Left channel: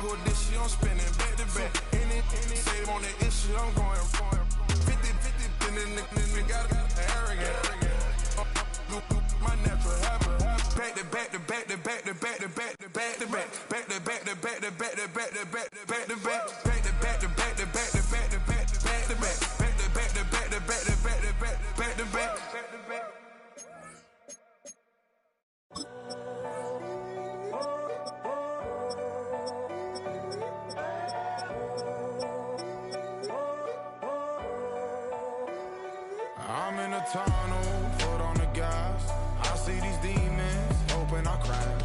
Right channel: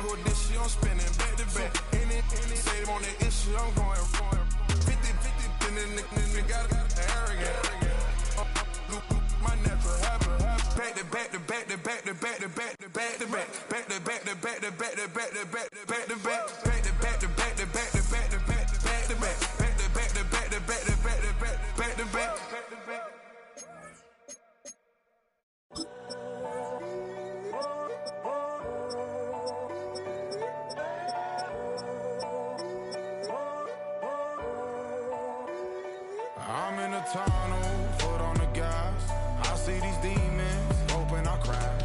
Go this shit, I'm spinning back to back. Any say on the issue, I'm going 50-50, then the nigga got arrogant. My natural habit. Back to back to back to back to back to back to back to back. Back to back to back to back to back to back to back to back. Back to back to back to back to back to back to back to back. Back to back to back to back to back to back to back. I'm in a tunnel, foot on the gas. I see these demons, hoping I crash.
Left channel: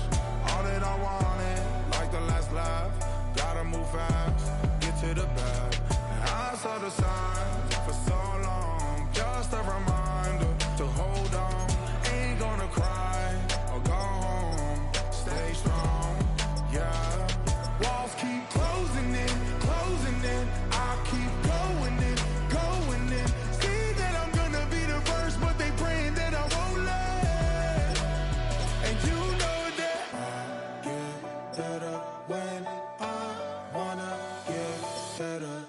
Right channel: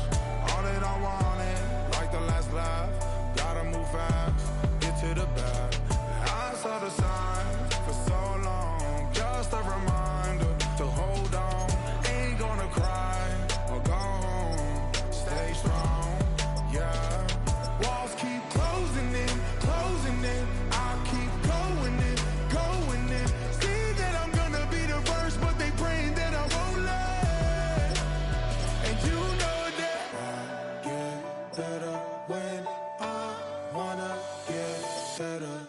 All that I wanted, like the last laugh. Gotta move fast, get to the bag. I saw the signs for so long, just a reminder to hold on. Ain't gonna cry or go home, stay strong, yeah. Walls keep closing in, I keep going in, going in. See that I'm gonna be the first, but they praying that I won't let. And you know that I get better when I wanna get better.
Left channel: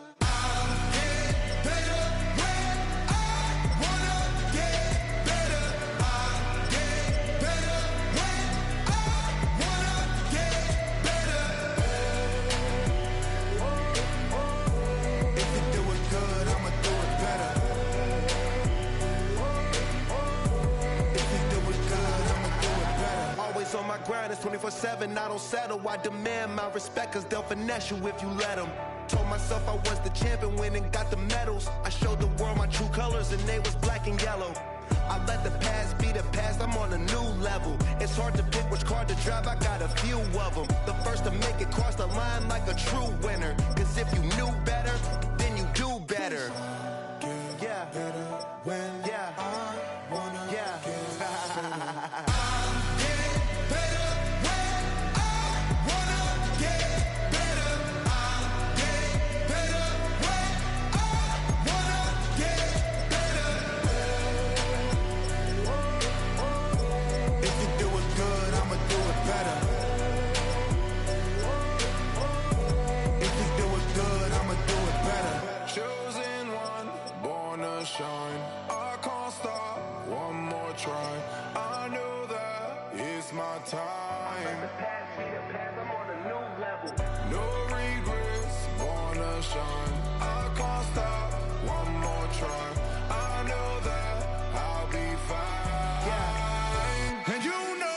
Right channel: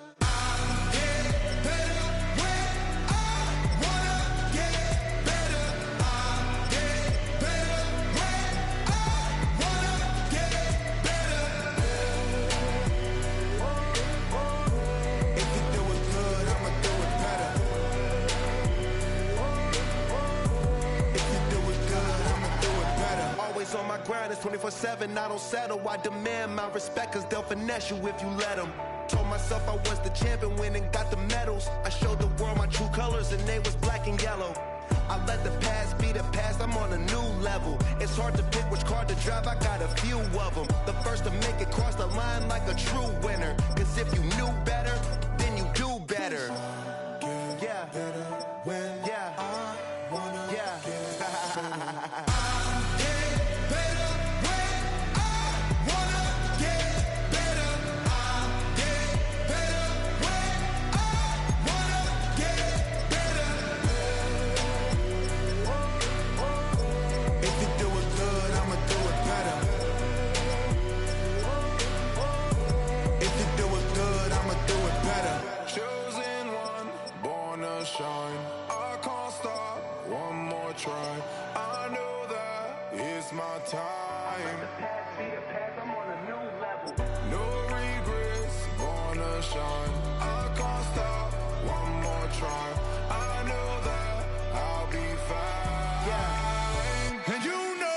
On my grind, it's 24/7, I don't settle. I demand my respect, cause they'll finesse you if you let them. Told myself I was the champion, went and got the medals. I showed the world my true colors and they was black and yellow. I let the past be the past, I'm on a new level. It's hard to pick which car to drive, I got a few of them. The first to make it cross the line like a true winner. Cause if you knew better, then you do better. Yeah, better when I wanna get better. Chosen one, born to shine. I can't stop, one more try. I know that it's my time. The past be the past, I'm on a new level. No regrets, born to shine. I can't stop, one more try. I know that I'll be fine. Yeah. And you know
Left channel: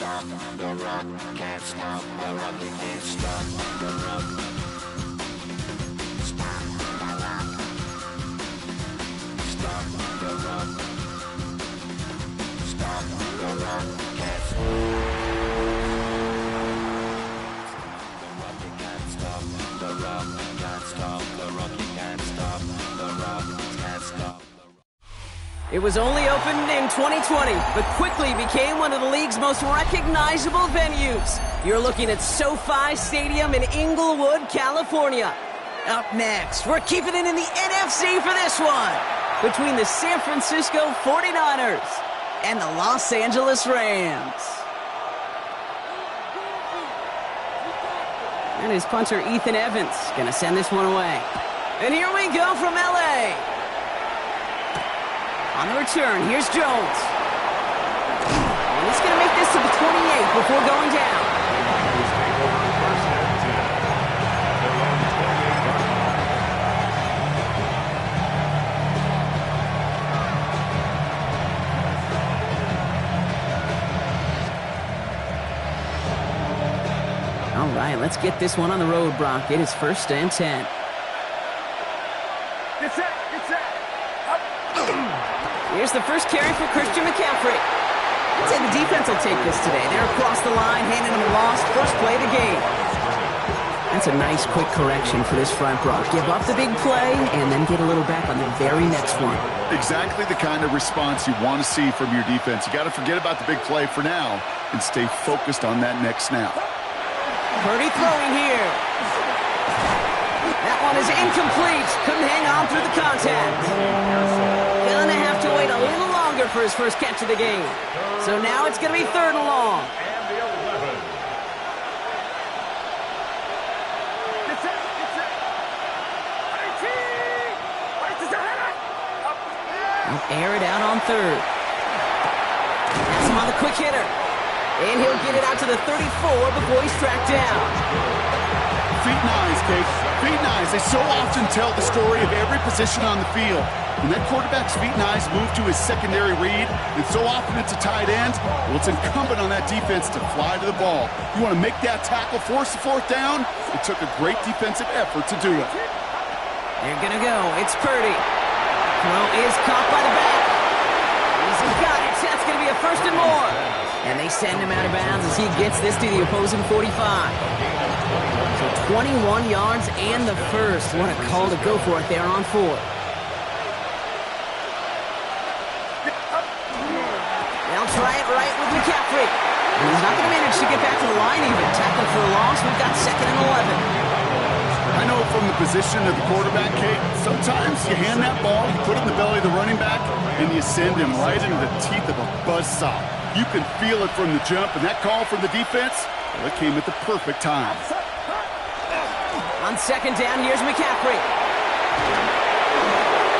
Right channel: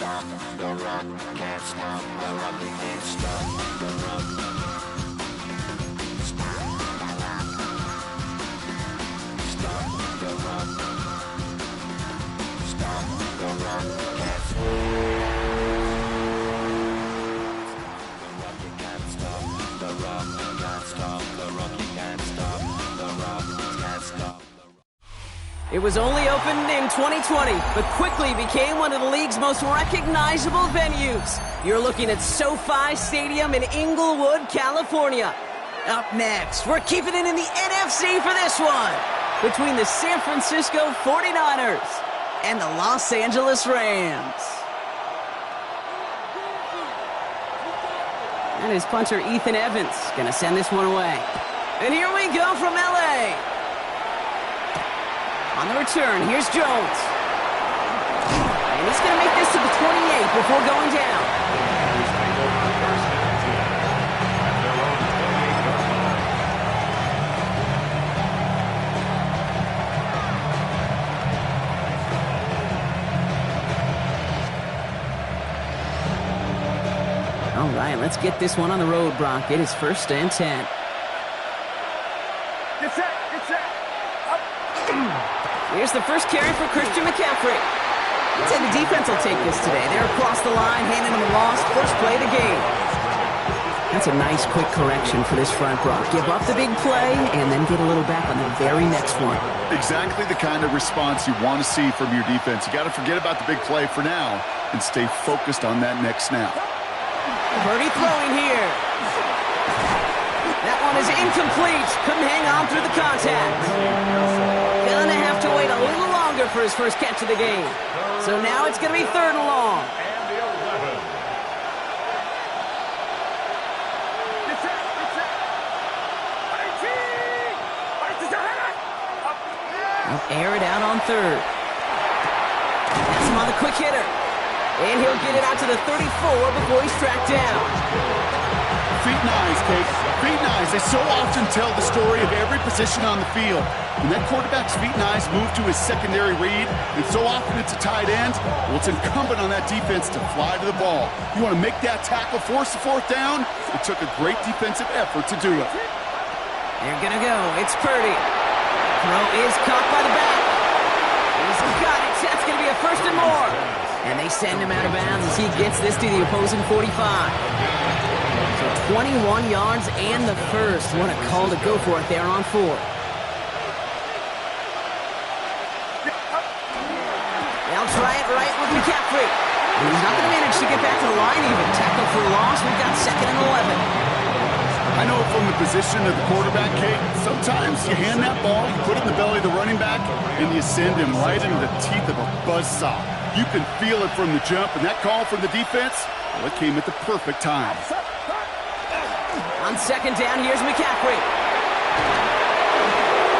stop the rock, can't stop the rock, you can't stop the rock. Stop the rock. Stop the rock. Stop the rock, can't stop the rock, you can't stop the rock, you can't stop the rock, you can't stop the rock, can't stop. It was only opened in 2020, but quickly became one of the league's most recognizable venues. You're looking at SoFi Stadium in Inglewood, California. Up next, we're keeping it in the NFC for this one, between the San Francisco 49ers and the Los Angeles Rams. And his punter, Ethan Evans, gonna send this one away. And here we go from LA. On the return, here's Jones. And he's going to make this to the 28. break before going down. All right, let's get this one on the road, Brock. It is 1st and 10. Get set, get set. Here's the first carry for Christian McCaffrey. I'd say the defense will take this today. They're across the line, handing them a loss. First play of the game. That's a nice, quick correction for this front, Brock. Give up the big play and then get a little back on the very next one. Exactly the kind of response you want to see from your defense. You got to forget about the big play for now and stay focused on that next snap. Purdy throwing here. That one is incomplete. Couldn't hang on through the contact. Gonna have to wait a little longer for his first catch of the game. So now it's gonna be 3rd and long. They'll air it out on 3rd. That's him on the quick hitter. And he'll get it out to the 34 before he's tracked down. Feet and eyes, Kate. Feet and eyes. They so often tell the story of every position on the field. When that quarterback's feet and eyes move to his secondary read, and so often it's a tight end, well, it's incumbent on that defense to fly to the ball. You want to make that tackle, force the 4th down? It took a great defensive effort to do it. They're going to go. It's Purdy. Throw is caught by the back. He's got it. That's going to be a 1st and more. And they send him out of bounds as he gets this to the opposing 45. So 21 yards and the 1st. What a call to go for it there on 4th. They'll try it right with McCaffrey. And he's not going to manage to get back to the line even. Tackle for a loss. We've got 2nd and 11. I know from the position of the quarterback, Kate, sometimes you hand that ball, you put it in the belly of the running back, and you send him right into the teeth of a buzzsaw. You can feel it from the jump, and that call from the defense, well, it came at the perfect time. On 2nd down, here's McCaffrey.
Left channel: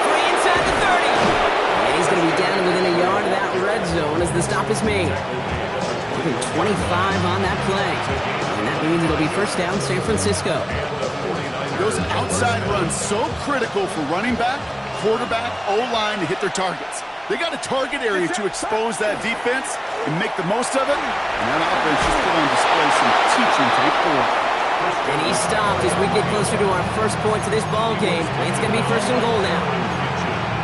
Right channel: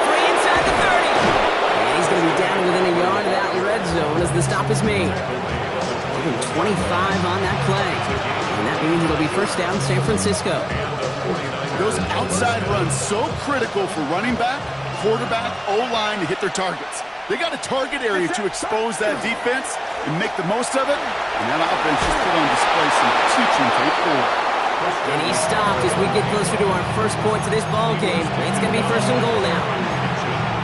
Free inside the 30. And he's going to be down within a yard of that red zone as the stop is made. Even 25 on that play. And that means it'll be 1st down, San Francisco. Those outside runs so critical for running back, quarterback, O-line to hit their targets. They got a target area to expose that defense and make the most of it. And that offense just put on display some teaching tape for it. And he stopped as we get closer to our first point to this ball game. It's going to be 1st and goal now.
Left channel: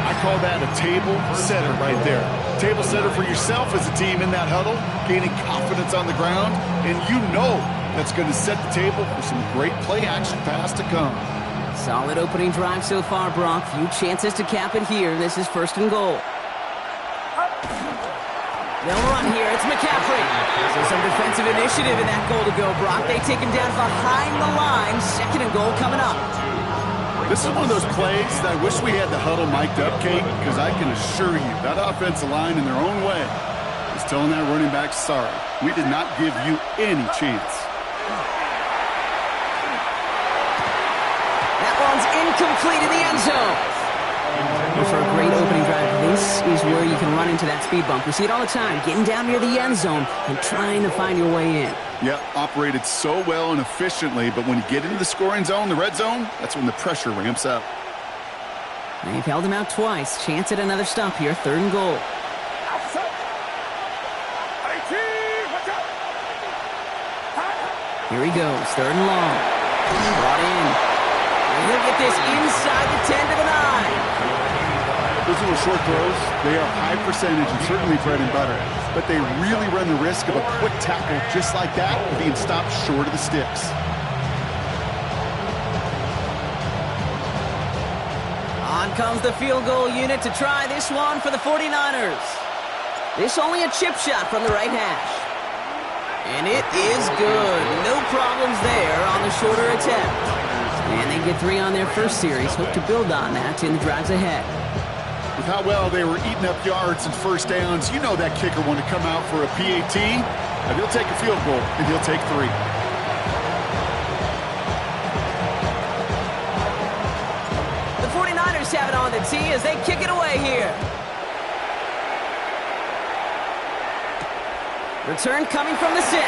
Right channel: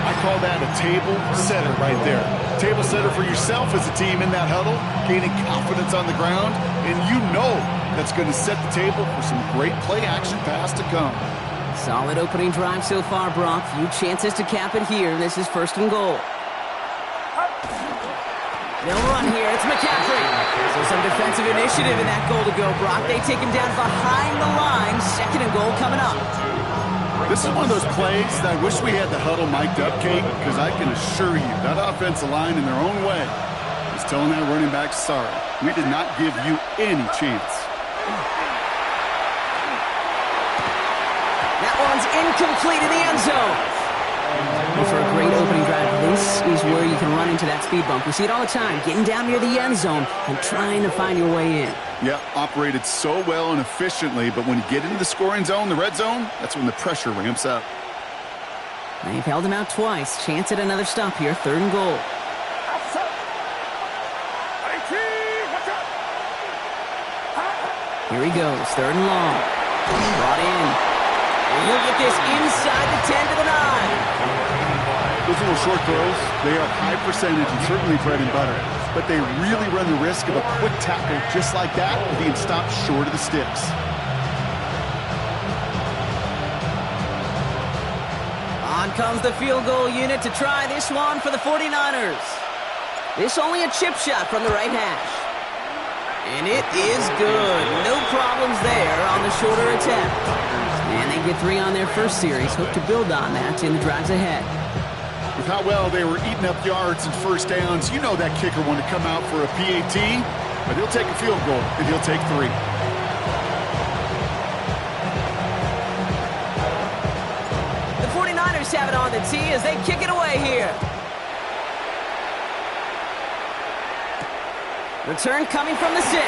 I call that a table setter right there. Table setter for yourself as a team in that huddle, gaining confidence on the ground, and you know that's going to set the table for some great play-action pass to come. Solid opening drive so far, Brock. Few chances to cap it here. This is 1st and goal. They'll run here. It's McCaffrey. So some defensive initiative in that goal to go, Brock. They take him down behind the line. 2nd and goal coming up. This is one of those plays that I wish we had the huddle mic'd up, Kate, because I can assure you that offensive line in their own way is telling that running back, sorry, we did not give you any chance. That one's incomplete in the end zone. And for a great opening drive, this is where you can run into that speed bump. We see it all the time, getting down near the end zone and trying to find your way in. Yeah, operated so well and efficiently, but when you get into the scoring zone, the red zone, that's when the pressure ramps up. They've held him out twice. Chance at another stop here, 3rd and goal. Here he goes, 3rd and long. Brought in. And he'll get this inside the 10 to the 9. Those little short throws, they are high percentage and certainly bread and butter. But they really run the risk of a quick tackle just like that and being stopped short of the sticks. On comes the field goal unit to try this one for the 49ers. This only a chip shot from the right hash. And it is good. No problems there on the shorter attempt. And they get 3 on their first series. Hope to build on that in the drives ahead. With how well they were eating up yards and 1st downs, you know that kicker wanted to come out for a PAT, but he'll take a field goal, and he'll take 3. The 49ers have it on the tee as they kick it away here. Return coming from the 6. A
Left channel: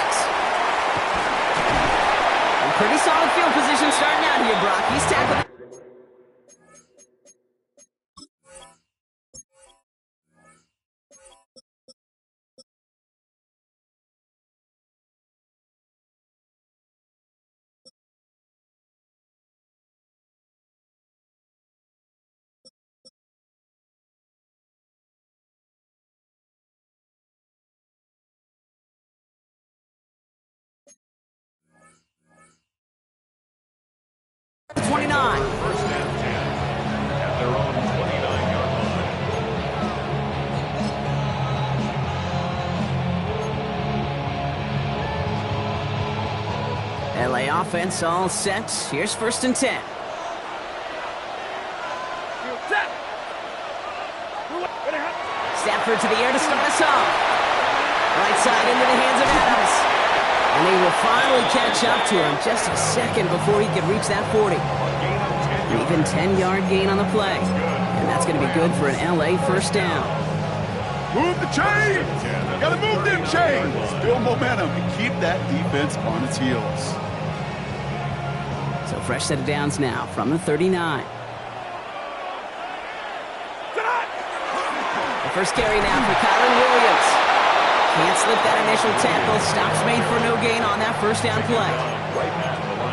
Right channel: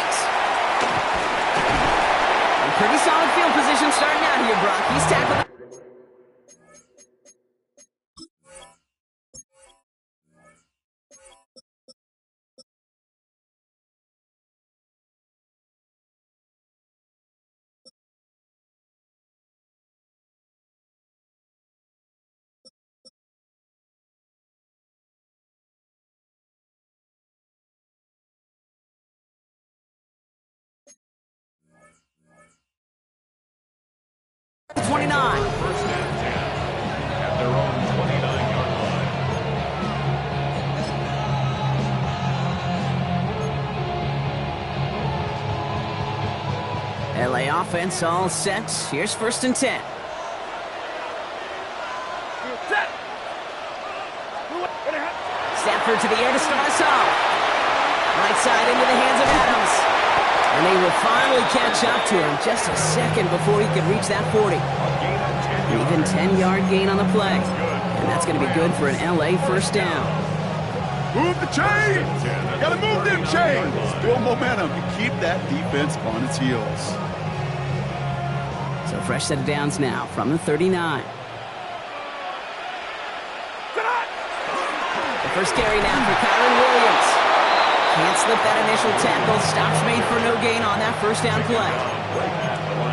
pretty solid field position starting out here, Brock. He's tackled. First and 10 at their own 29-yard line. LA offense all set. Here's 1st and 10. Stafford to the air to start us off. Right side into the hands of Adams. And they will finally catch up to him just a second before he could reach that 40. An even 10-yard gain on the play. And that's going to be good for an LA first down. Move the chains! Gotta move them chains! Build momentum and keep that defense on its heels. So fresh set of downs now from the 39. The first carry now for Kyron Williams. Can't slip that initial tackle. Stops made for no gain on that first down play.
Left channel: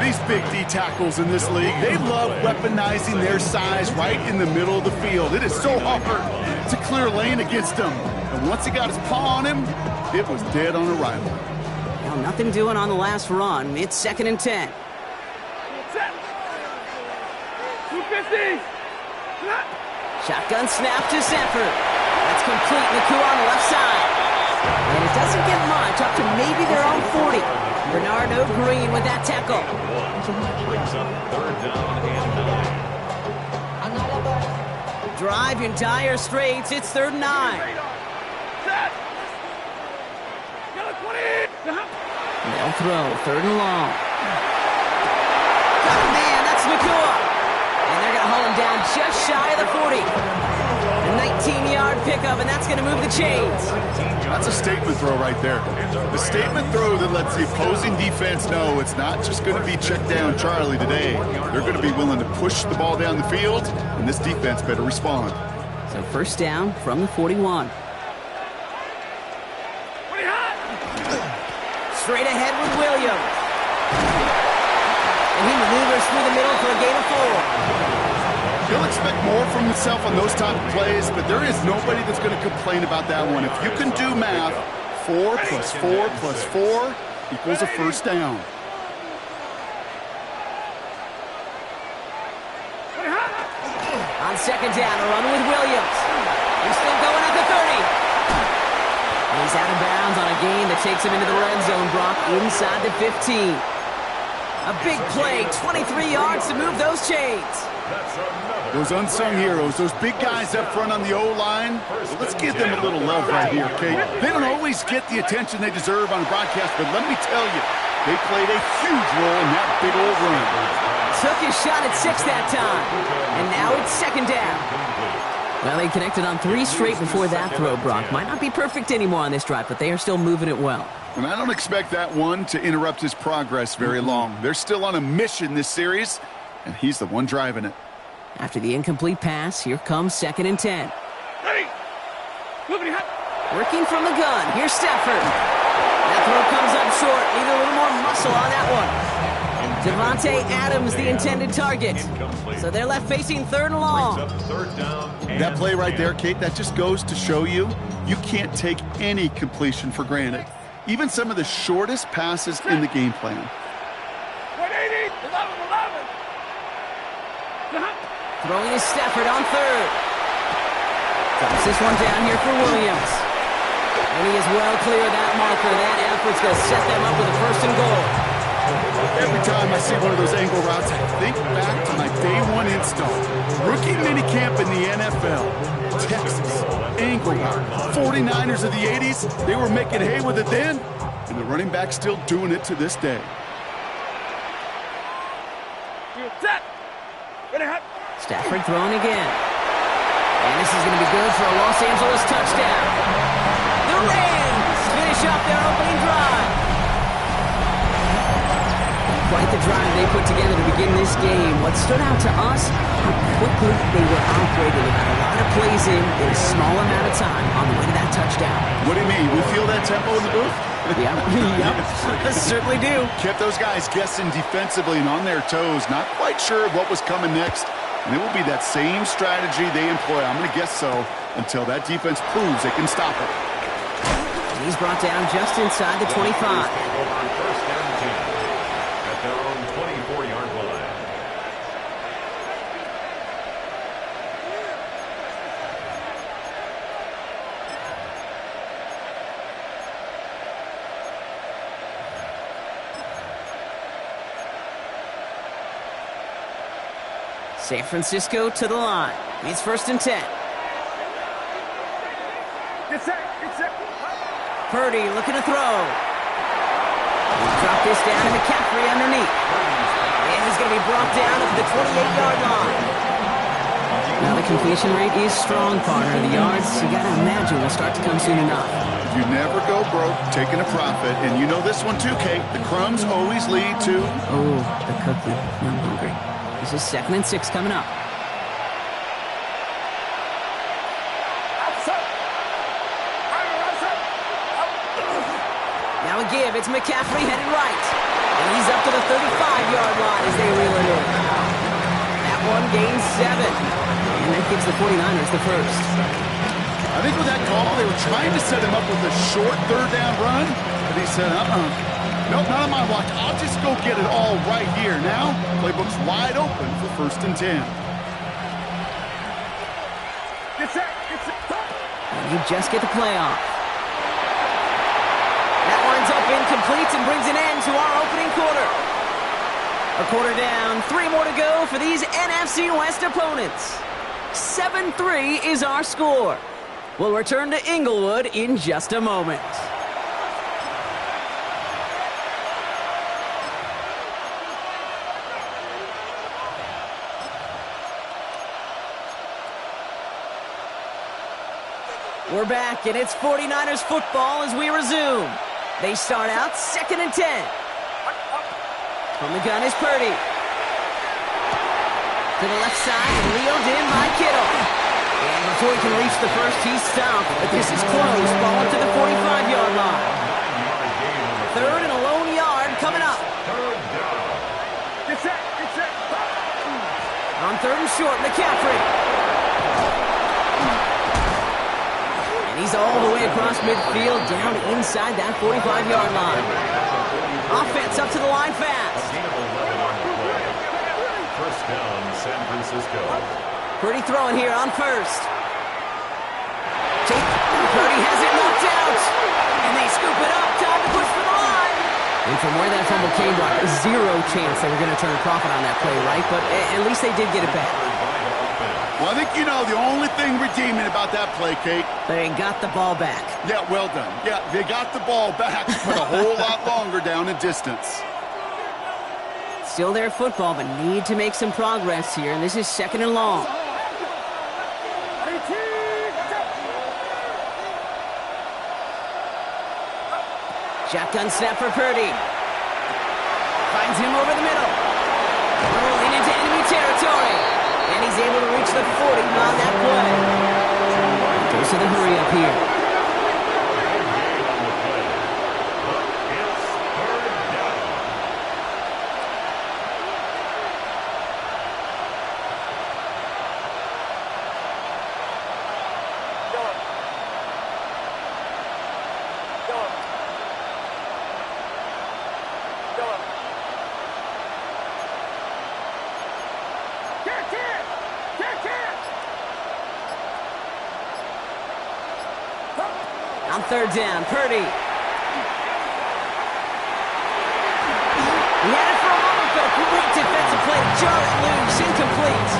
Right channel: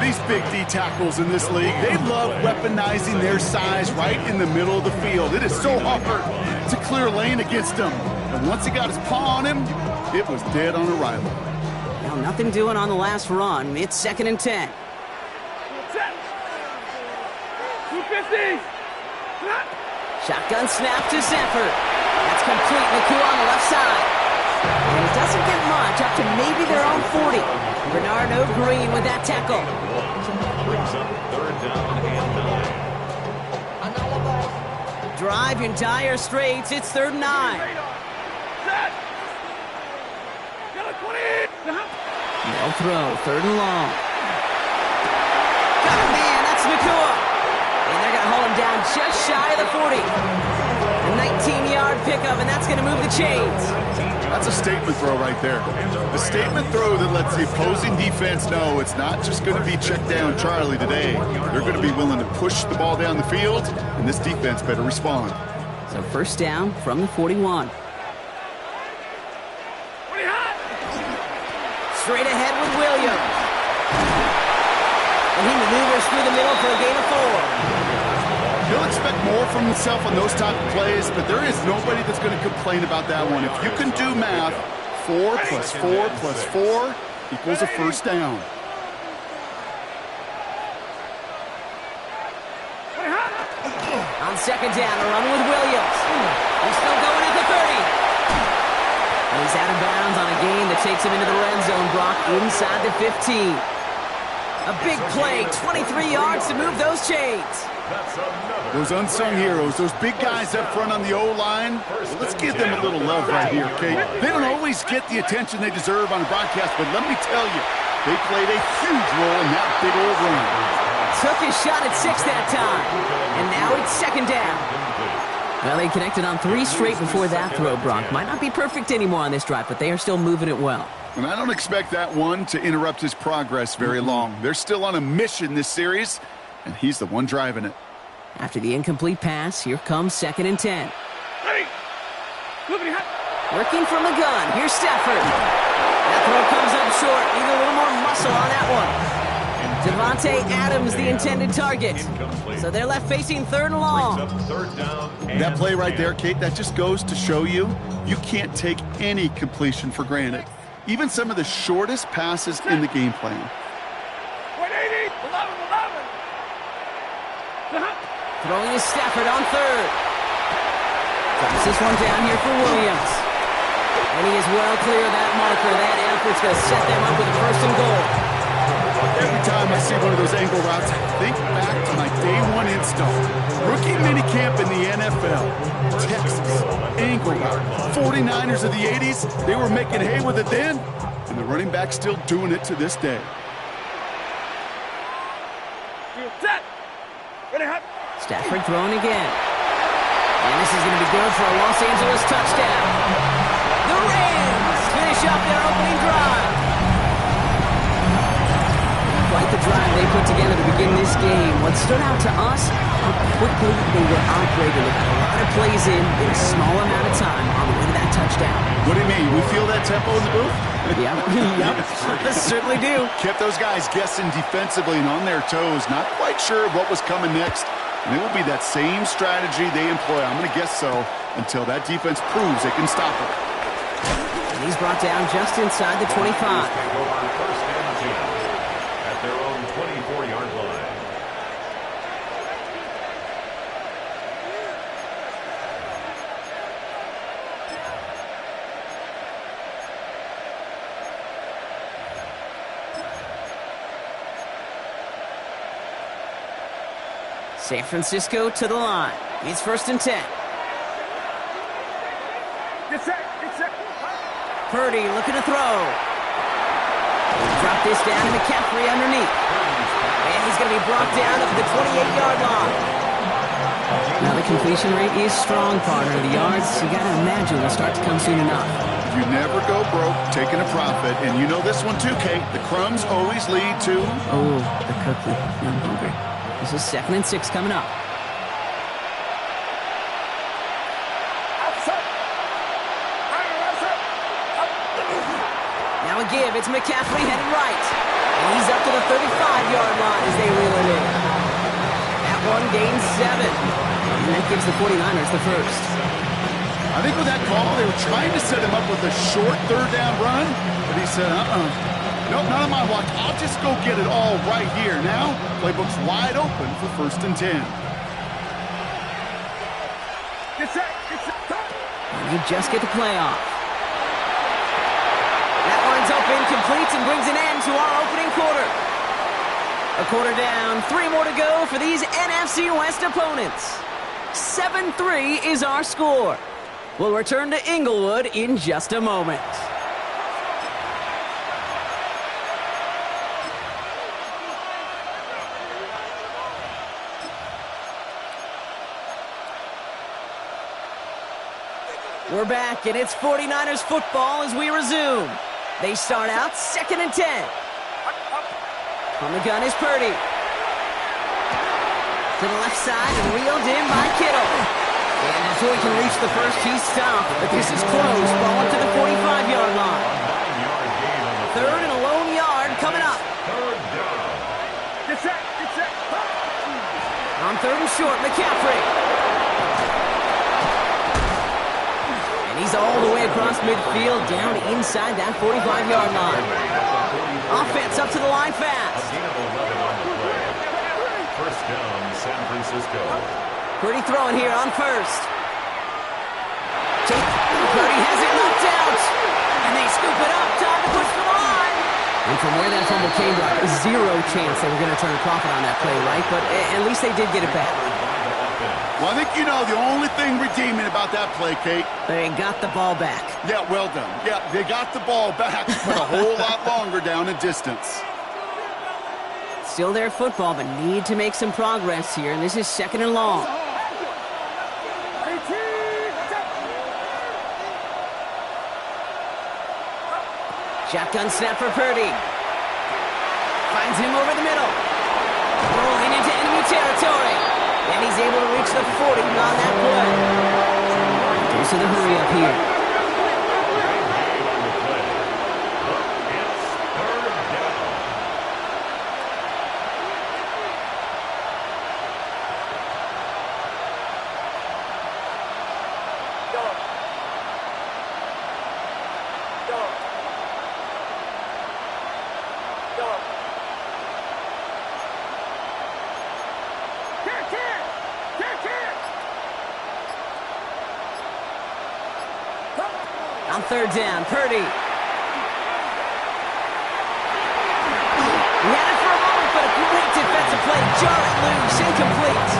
These big D tackles in this league, they love weaponizing their size right in the middle of the field. It is so hard to clear lane against them. And once he got his paw on him, it was dead on arrival. Now nothing doing on the last run. It's 2nd and 10. 250. Shotgun snap to Stafford. That's complete. Naku on the left side. And it doesn't get much, up to maybe their own 40. Bernardo Green with that tackle. Brings up 3rd down and 9. Drive in dire straits. It's 3rd and 9. They'll throw 3rd and long. Got a man. That's Nakua. And they're going to hold him down just shy of the 40. A 19-yard pickup, and that's going to move the chains. That's a statement throw right there. The statement throw that lets the opposing defense know it's not just going to be check down Charlie today. They're going to be willing to push the ball down the field, and this defense better respond. So first down from the 41. Straight ahead with Williams. And he maneuvers through the middle for a gain of 4. You'll expect more from himself on those type of plays, but there is nobody that's going to complain about that one. If you can do math, 4 plus 4 plus 4 equals a first down. On 2nd down, a run with Williams. He's still going at the 30. And he's out of bounds on a gain that takes him into the red zone, Brock, inside the 15. A big play, 23 yards to move those chains. Those unsung heroes, those big guys up front on the O-line, well, let's give them a little love right here, okay? They don't always get the attention they deserve on a broadcast, but let me tell you, they played a huge role in that big old run. Took his shot at 6 that time, and now it's 2nd down. Well, they connected on 3 straight before that throw, Brock. Might not be perfect anymore on this drive, but they are still moving it well. And I don't expect that one to interrupt his progress very long. They're still on a mission this series, and he's the one driving it. After the incomplete pass, here comes 2nd and 10. Working from the gun, here's Stafford. That throw comes up short. Need a little more muscle on that one. Devontae Adams, the intended target. So they're left facing 3rd and long. That play right there, Kate, that just goes to show you, you can't take any completion for granted. Even some of the shortest passes in the game plan. 180, 11. Throwing is Stafford on 3rd. Drops this one down here for Williams. And he is well clear of that marker. That effort's going to set them up with a 1st and goal. Every time I see one of those angle routes, I think back to my day 1 install. Rookie minicamp in the NFL. Texas, angle route. 49ers of the 80s, they were making hay with it then, and the running back's still doing it to this day. Stafford throwing again. And this is going to be good for a Los Angeles touchdown. The Rams finish finish up their opening drive. Quite the drive they put together to begin this game. What stood out to us, how quickly they were operating. They got a lot of plays in a small amount of time on the way to that touchdown. What do you mean? We feel that tempo in the booth? Yep, certainly do. Kept those guys guessing defensively and on their toes, not quite sure what was coming next. And it will be that same strategy they employ, I'm going to guess so, until that defense proves they can stop it. And he's brought down just inside the 25. Take over first and 10 at their own 24-yard line. San Francisco to the line. It's first and 10. Get set. Purdy looking to throw. He'll drop this down to McCaffrey underneath. And he's going to be brought down up at the 28-yard line. Now the completion rate is strong, partner. The yards, you got to imagine, will start to come soon enough. You never go broke taking a profit. And you know this one too, Kate. The crumbs always lead to... Oh, the cookie. Now I'm hungry. This is 2nd and 6 coming up. Now a give. It's McCaffrey headed right. And he's up to the 35-yard line as they reel it in. That one gains 7. And that gives the 49ers the first. I think with that call, they were trying to set him up with a short third down run. But he said, nope, not on my watch. I'll just go get it all right here. Now, playbook's wide open for first and 10. Get set. And they just get the play off. That one's open, completes, and brings an end to our opening quarter. A quarter down, 3 more to go for these NFC West opponents. 7-3 is our score. We'll return to Inglewood in just a moment. We're back, and it's 49ers football as we resume. They start out 2nd and 10. From the gun is Purdy. To the left side, reeled in by Kittle. And before he can reach the first, he's stopped. But this is close. Ball up to the 45-yard line. 3rd and a lone yard coming up. Get set. On 3rd and short, McCaffrey. And he's all the way across midfield, down inside that 45-yard line. Offense up to the line fast. First down, San Francisco. Purdy throwing here on 1st. Purdy has it knocked out. And they scoop it up. Time to push for the line. And from where that fumble came, Brock, 0 chance they were going to turn a profit on that play, right? But at least they did get it back. Well, I think you know the only thing redeeming about that play, Kate. They got the ball back. Yeah, well done. Yeah, they got the ball back, but a whole lot longer down in distance. Still their football, but need to make some progress here, and this is 2nd and long. Shotgun snap for Purdy. Finds him over the middle. Rolling into enemy territory. And he's able to reach the 40 on that play. Goes to the hurry up here. Gain on the play, but it's 3rd down. On 3rd down, Purdy. He had it for a moment, but a great defensive play. Jar it loose, incomplete.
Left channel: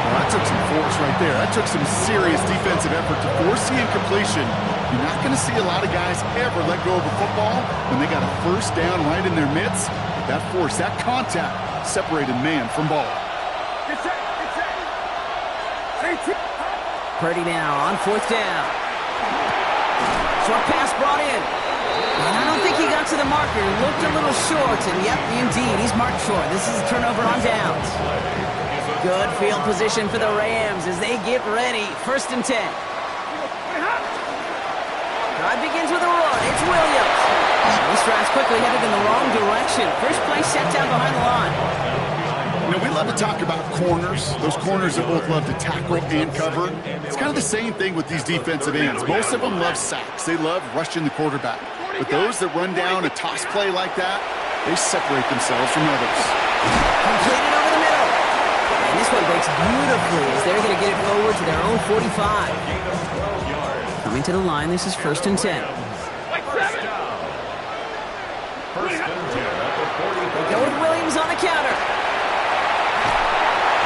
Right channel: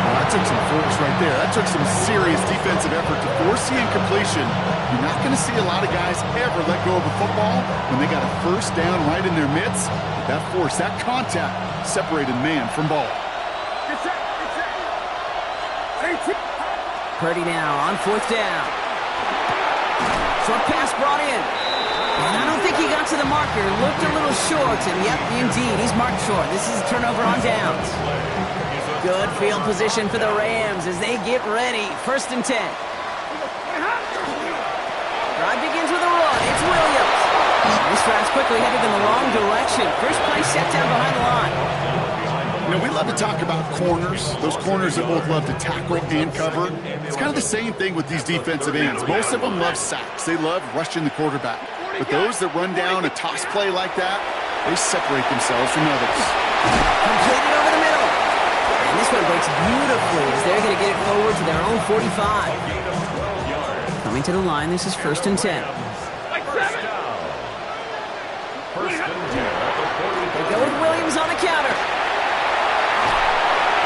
Well, that took some force right there. That took some serious defensive effort to force the incompletion. You're not going to see a lot of guys ever let go of a football when they got a first down right in their midst. But that force, that contact, separated man from ball. Purdy now on 4th down. Short pass brought in. And I don't think he got to the marker. Looked a little short, and yep, indeed, he's marked short. This is a turnover on downs. Good field position for the Rams as they get ready. 1st and 10. Drive begins with a run. It's Williams. These drives quickly headed in the wrong direction. First play set down behind the line. You know, we love to talk about corners, those corners that both love to tackle and cover. It's kind of the same thing with these defensive ends. Most of them love sacks. They love rushing the quarterback. But those that run down a toss play like that, they separate themselves from others. Completed over the middle. And this one breaks beautifully as they're going to get it forward to their own 45. Coming to the line, this is 1st and 10. They go with Williams on the counter.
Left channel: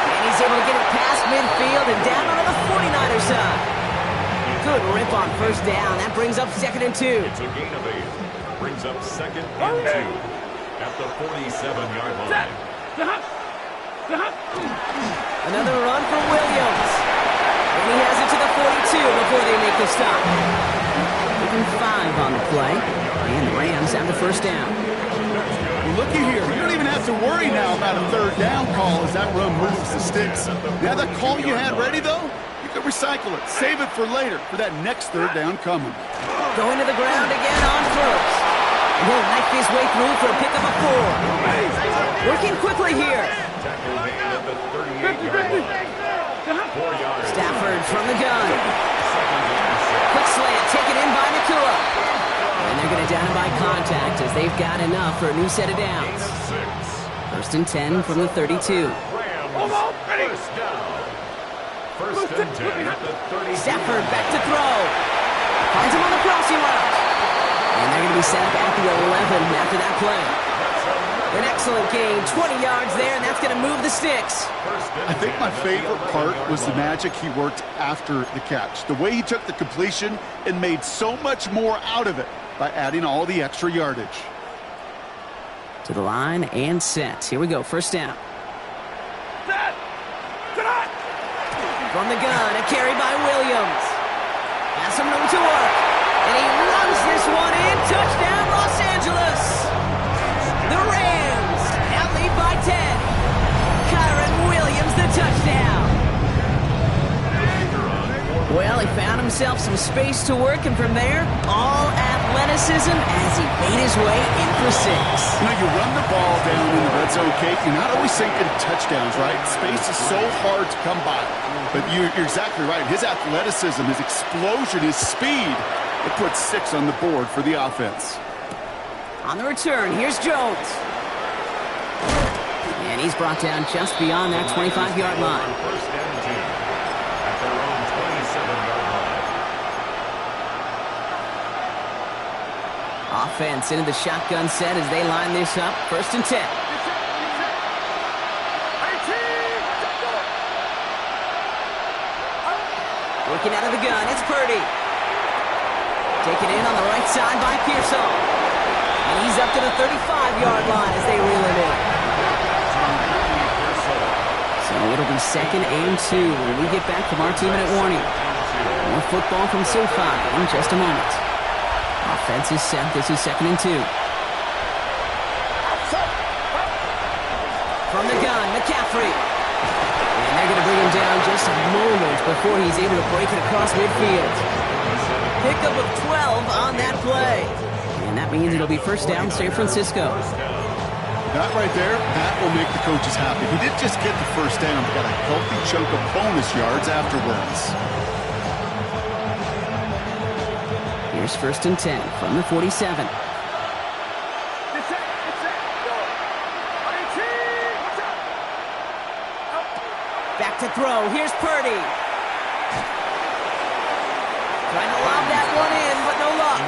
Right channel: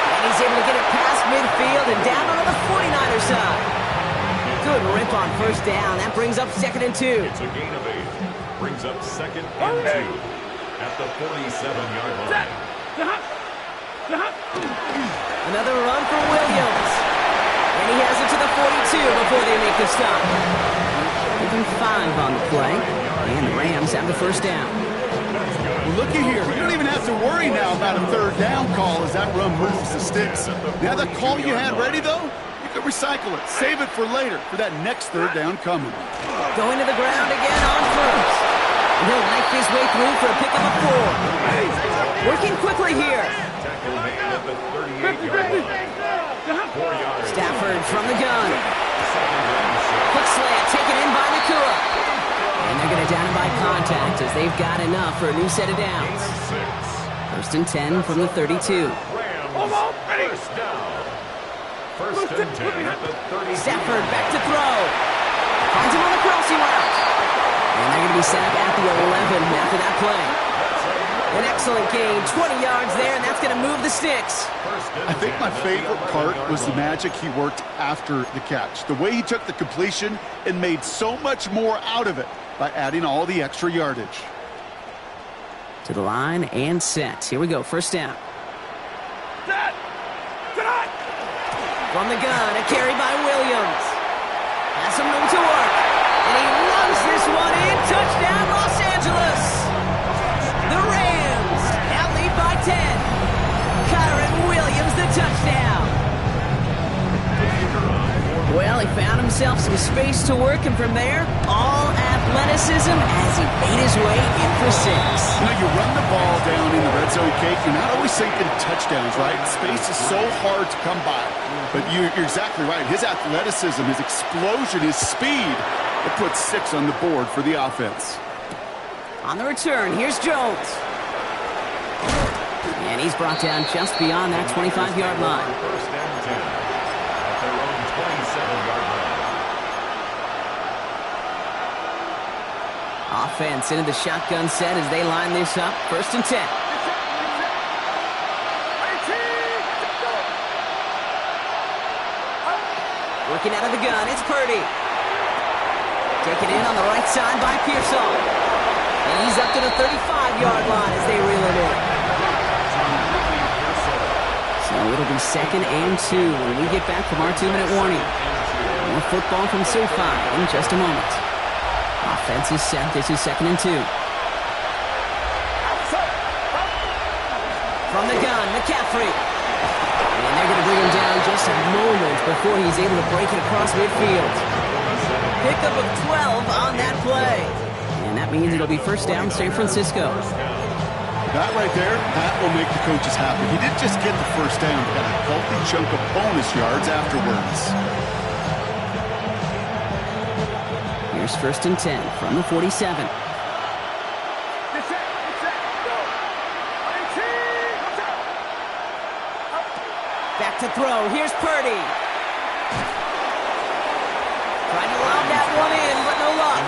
And he's able to get it past midfield and down onto the 49er side. Good rip on 1st down. That brings up 2nd and 2. It's a gain of 8. Brings up 2nd and 2 at the 47-yard line. Another run for Williams. And he has it to the 42 before they make the stop. Even 5 on the play. And the Rams have the 1st down. Well, looky here. You don't even have to worry now about a 3rd down call as that run moves the sticks. Now that call you had ready, though, you can recycle it. Save it for later, for that next 3rd down coming. Going to the ground again on 1st. And he'll knife his way through for a pickup of 4. Working quickly here. Tackle made at the 38-yard line. 4 yards. Stafford from the gun. 2nd and 6. Quick slant taken in by Nakua. And they're going to down him by contact as they've got enough for a new set of downs. 1st and 10 from the 32. Rams, 1st down. 1st and 10 at the 32. Stafford back to throw. Finds him on the crossing route. And they're going to be set up at the 11 after that play. An excellent gain, 20 yards there, and that's going to move the sticks. I think my favorite part was the magic he worked after the catch. The way he took the completion and made so much more out of it by adding all the extra yardage. To the line and set. Here we go, 1st down. From the gun, a carry by Williams. Has some room to work. And he runs this one in. Touchdown, Los Angeles. The Rams now lead by 10. Kyron Williams, the touchdown. Well, he found himself some space to work, and from there, all athleticism as he made his way in for 6. You know, you run the ball down in the red zone, Kate, you're not always thinking touchdowns, right? Space is so hard to come by. But you're exactly right. His athleticism, his explosion, his speed, it puts 6 on the board for the offense. On the return, here's Jones. And he's brought down just beyond that 25-yard line. 1st and 10 at their own 27-yard line. Offense into the shotgun set as they line this up. 1st and 10. Working out of the gun, it's Purdy. Taken in on the right side by Pearsall. And he's up to the 35-yard line as they reel it in. So it'll be 2nd and 2 when we get back from our 2-minute warning. More football from SoFi in just a moment. Offense is set. This is 2nd and 2. From the gun, McCaffrey. And they're going to bring him down just a moment before he's able to break it across midfield. Pickup of 12 on that play. And that means it'll be 1st down, San Francisco. That right there, that will make the coaches happy. He didn't just get the 1st down, but got a healthy chunk of bonus yards afterwards. Here's 1st and 10 from the 47. Back to throw. Here's Purdy. Trying to lob that one in, but no luck.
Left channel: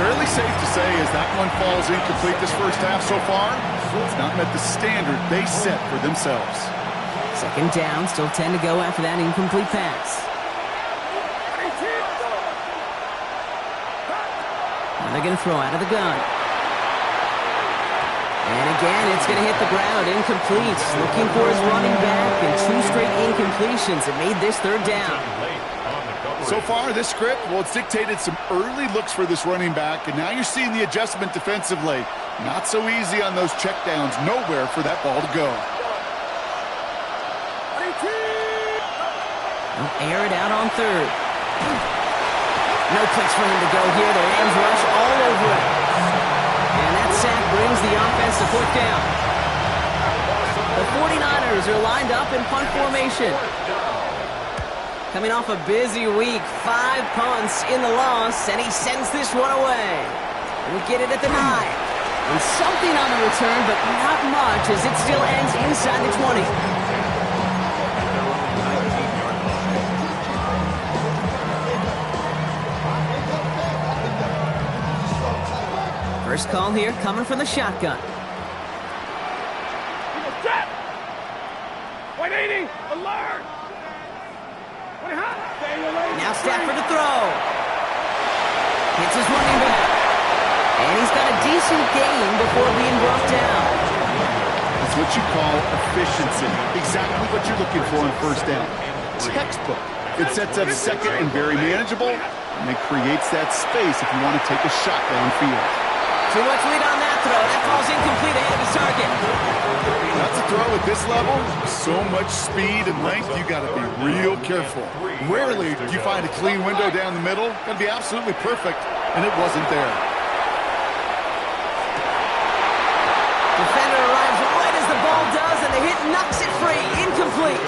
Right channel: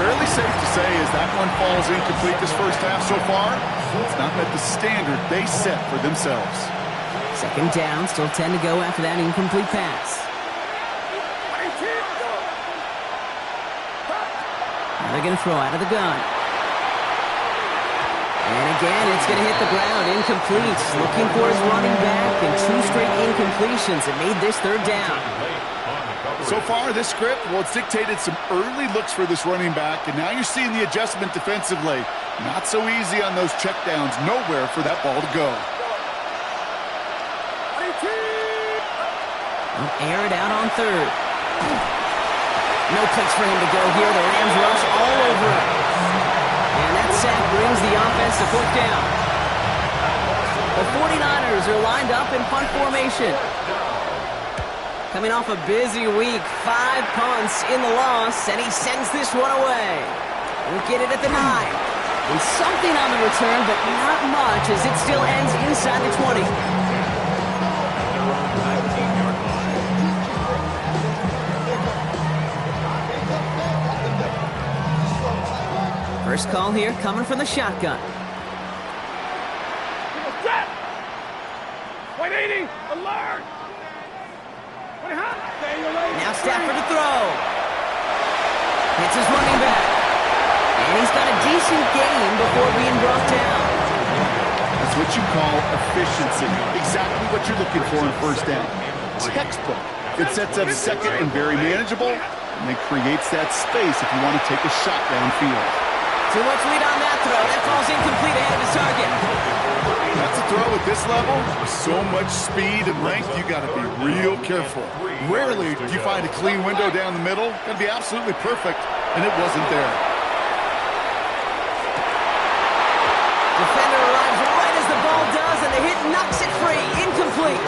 Fairly safe to say as that one falls incomplete this 1st half so far, it's not met the standard they set for themselves. 2nd down, still 10 to go after that incomplete pass. Now they're going to throw out of the gun. And again, it's going to hit the ground, incomplete. Looking for his running back, and 2 straight incompletions. It made this 3rd down. So far, this script, well, it's dictated some early looks for this running back, and now you're seeing the adjustment defensively. Not so easy on those checkdowns. Nowhere for that ball to go. They'll air it out on third. No place for him to go here. The Rams rush all over him. And that sack brings the offense to fourth down. The 49ers are lined up in punt formation. Coming off a busy week, 5 punts in the loss, and he sends this one away. We'll get it at the 9. And something on the return, but not much, as it still ends inside the 20. First call here coming from the shotgun. 180, alert! Now Stafford to throw. Hits his running back. And he's got a decent gain before being brought down. That's what you call efficiency. Exactly what you're looking for in first down. Textbook. It sets up second and very manageable, and then creates that space if you want to take a shot downfield. Too much lead on that throw. That falls incomplete ahead of his target. That's a throw at this level. So much speed and length, you got to be real careful. Rarely do you find a clean window down the middle. Got to be absolutely perfect, and it wasn't there. Defender arrives right as the ball does, and the hit knocks it free. Incomplete.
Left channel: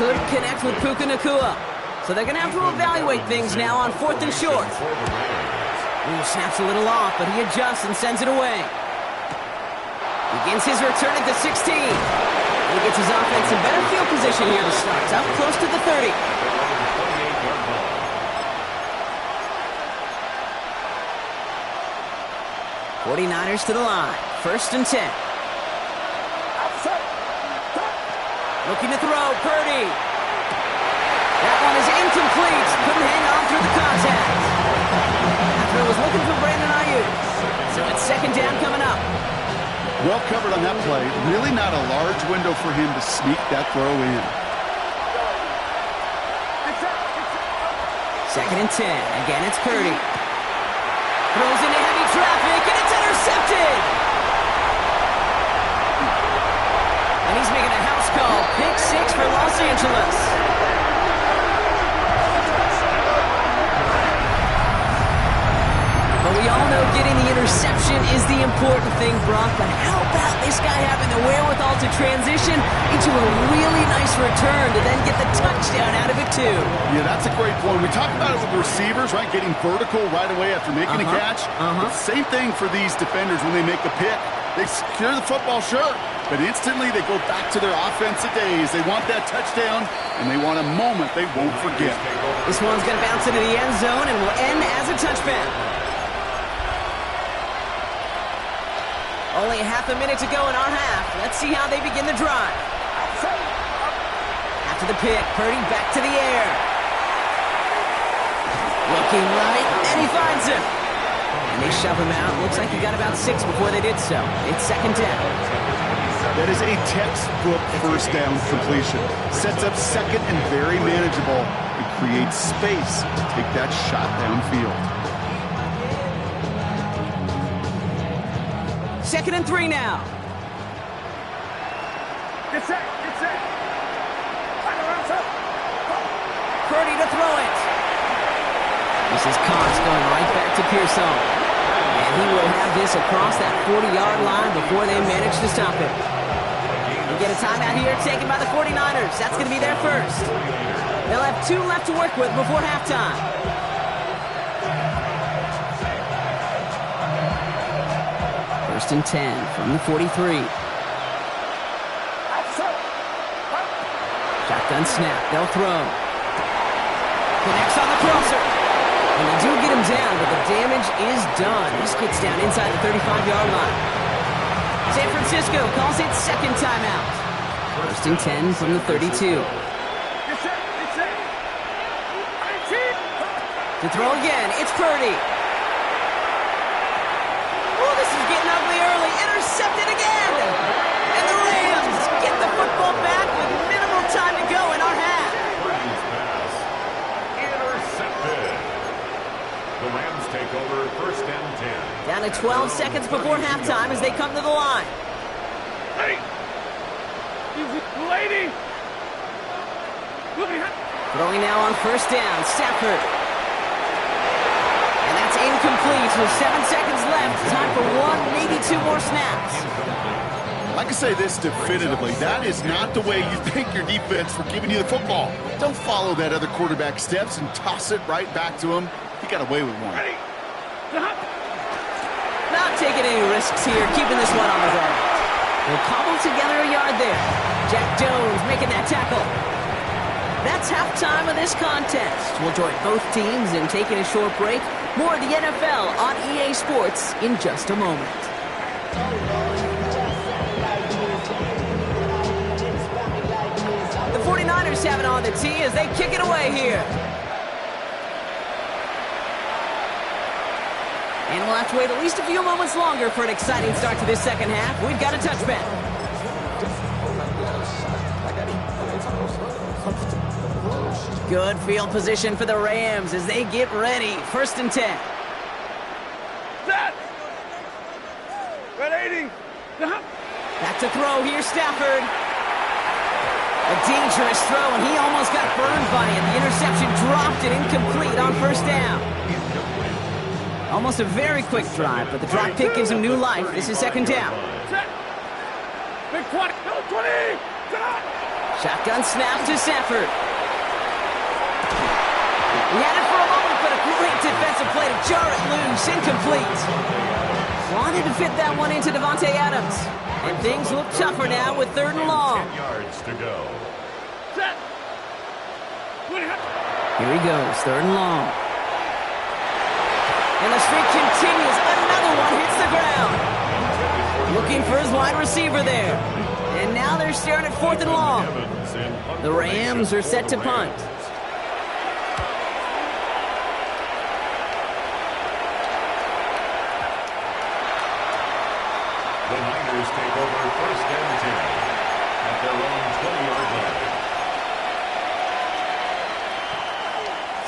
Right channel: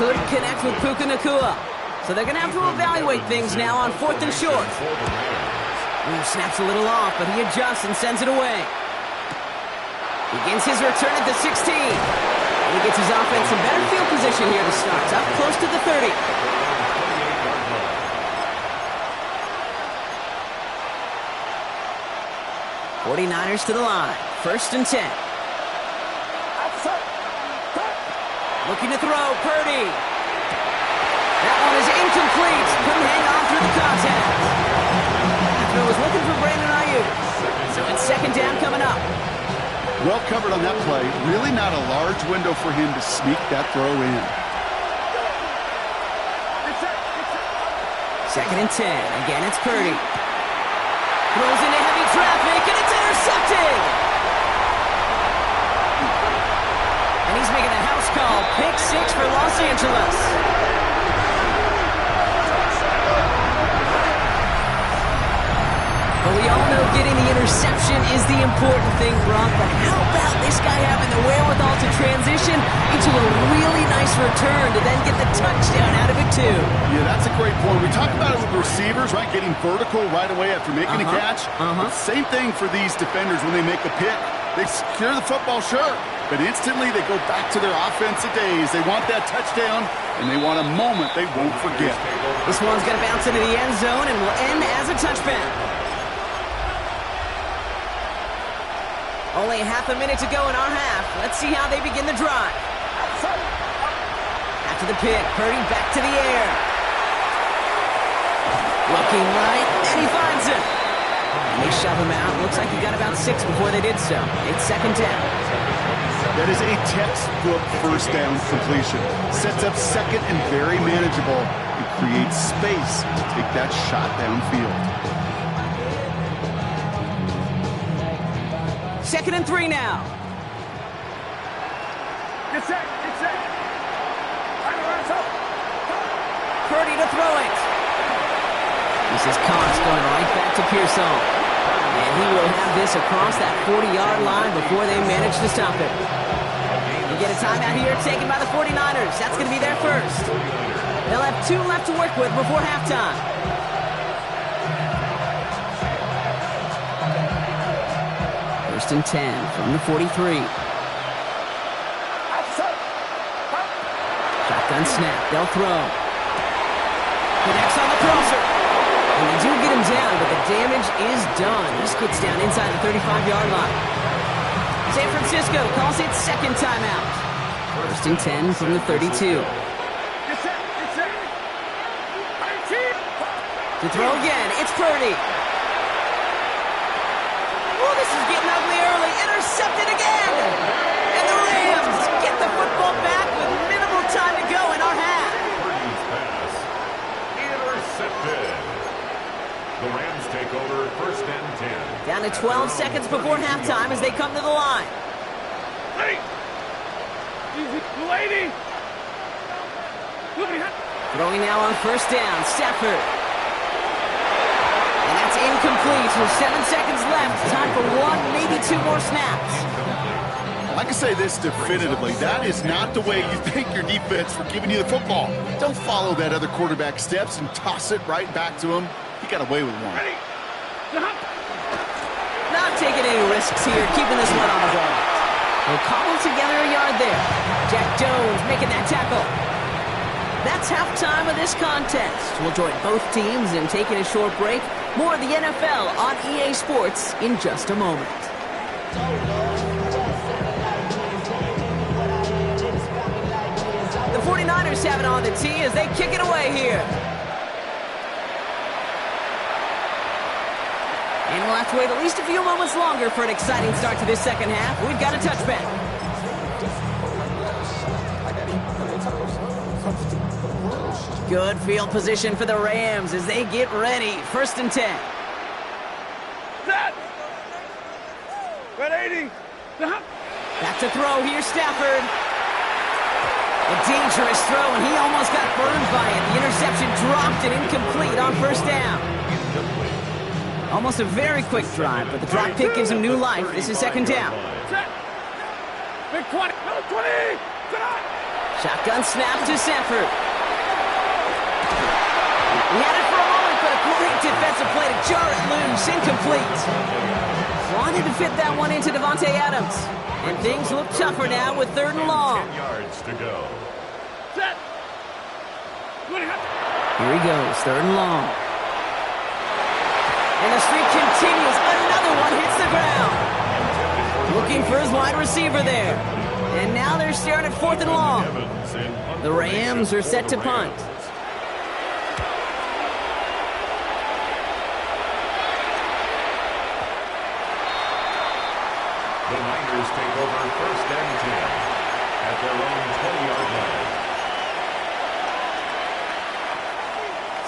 Couldn't connect with Puka Nacua. So they're going to have to evaluate things now on 4th and short. Ooh, snaps a little off, but he adjusts and sends it away. Begins his return at the 16. And he gets his offense in better field position here to start. It's up close to the 30. '49ers to the line. 1st and 10. Looking to throw, Purdy. That one is incomplete. Couldn't hang on through the contact. After was looking for Brandon Ayuk. So it's 2nd down coming up. Well covered on that play. Really not a large window for him to sneak that throw in. 2nd and 10. Again, it's Purdy. Throws into heavy traffic, and it's intercepted! And he's making a house call. Pick 6 for Los Angeles. But we all know getting the interception is the important thing, Brock. But how about this guy having the wherewithal to transition into a really nice return to then get the touchdown out of it, too? Yeah, that's a great point. We talked about it with the receivers, right? Getting vertical right away after making a catch. Same thing for these defenders when they make a pick. They secure the football, sure, but instantly they go back to their offensive days. They want that touchdown, and they want a moment they won't forget. This one's going to bounce into the end zone and will end as a touchback. Only half a minute to go in our half. Let's see how they begin the drive. After the pick, Purdy back to the air. Looking right, and he finds him. And they shove him out. Looks like he got about 6 before they did so. It's 2nd down. That is a textbook first down completion. Sets up second and very manageable. It creates space to take that shot downfield. 2nd and 3 now. Get set, get set. Purdy to throw it. This is Cox going right back to Pearson. And he will have this across that 40-yard line before they manage to stop him. We get a timeout here taken by the 49ers. That's going to be their first. They'll have 2 left to work with before halftime. First and 10 from the 43. Shotgun snap. They'll throw. Connects on the crosser. And they do get him down, but the damage is done. This gets down inside the 35-yard line. San Francisco calls it 2nd timeout. First and 10 from the 32. To throw again, it's Purdy. Oh, this is getting ugly early. Intercepted again. And the Rams get the football back with minimal time to go in our half. The Rams take over 1st and 10. Down to 12 seconds before halftime as they come to the line. Ready. Easy. Lady. Throwing now on 1st down, Stafford. And that's incomplete. With 7 seconds left. Time for 1, maybe 2 more snaps. I can say this definitively. That is not the way you thank your defense for giving you the football. Don't follow that other quarterback steps and toss it right back to him. He got away with one. Ready. Not taking any risks here, keeping this one on the ground. We'll cobble together a yard there. Jack Jones making that tackle. That's halftime of this contest. We'll join both teams in taking a short break. More of the NFL on EA Sports in just a moment. The 49ers have it on the tee as they kick it away here. And we'll have to wait at least a few moments longer for an exciting start to this second half. We've got a touchback. Good field position for the Rams as they get ready. 1st and 10. Set. Ready. Back to throw here, Stafford. A dangerous throw, and he almost got burned by it. The interception dropped and incomplete on 1st down. Almost a very quick drive, but the drop pick gives him new life. This is 2nd down. Set. Big 20. 20. Shotgun snap to Stafford. He had it for a moment, but a great defensive play to jar it loose. Incomplete. Wanted to fit that one into Devontae Adams. And things look tougher now with 3rd and long. 10 yards to go. Set. Here he goes, 3rd and long. And the streak continues. Another one hits the ground. Looking for his wide receiver there. And now they're staring at 4th and long. The Rams are set to punt. The Niners take over 1st and 10 at their own 20-yard line.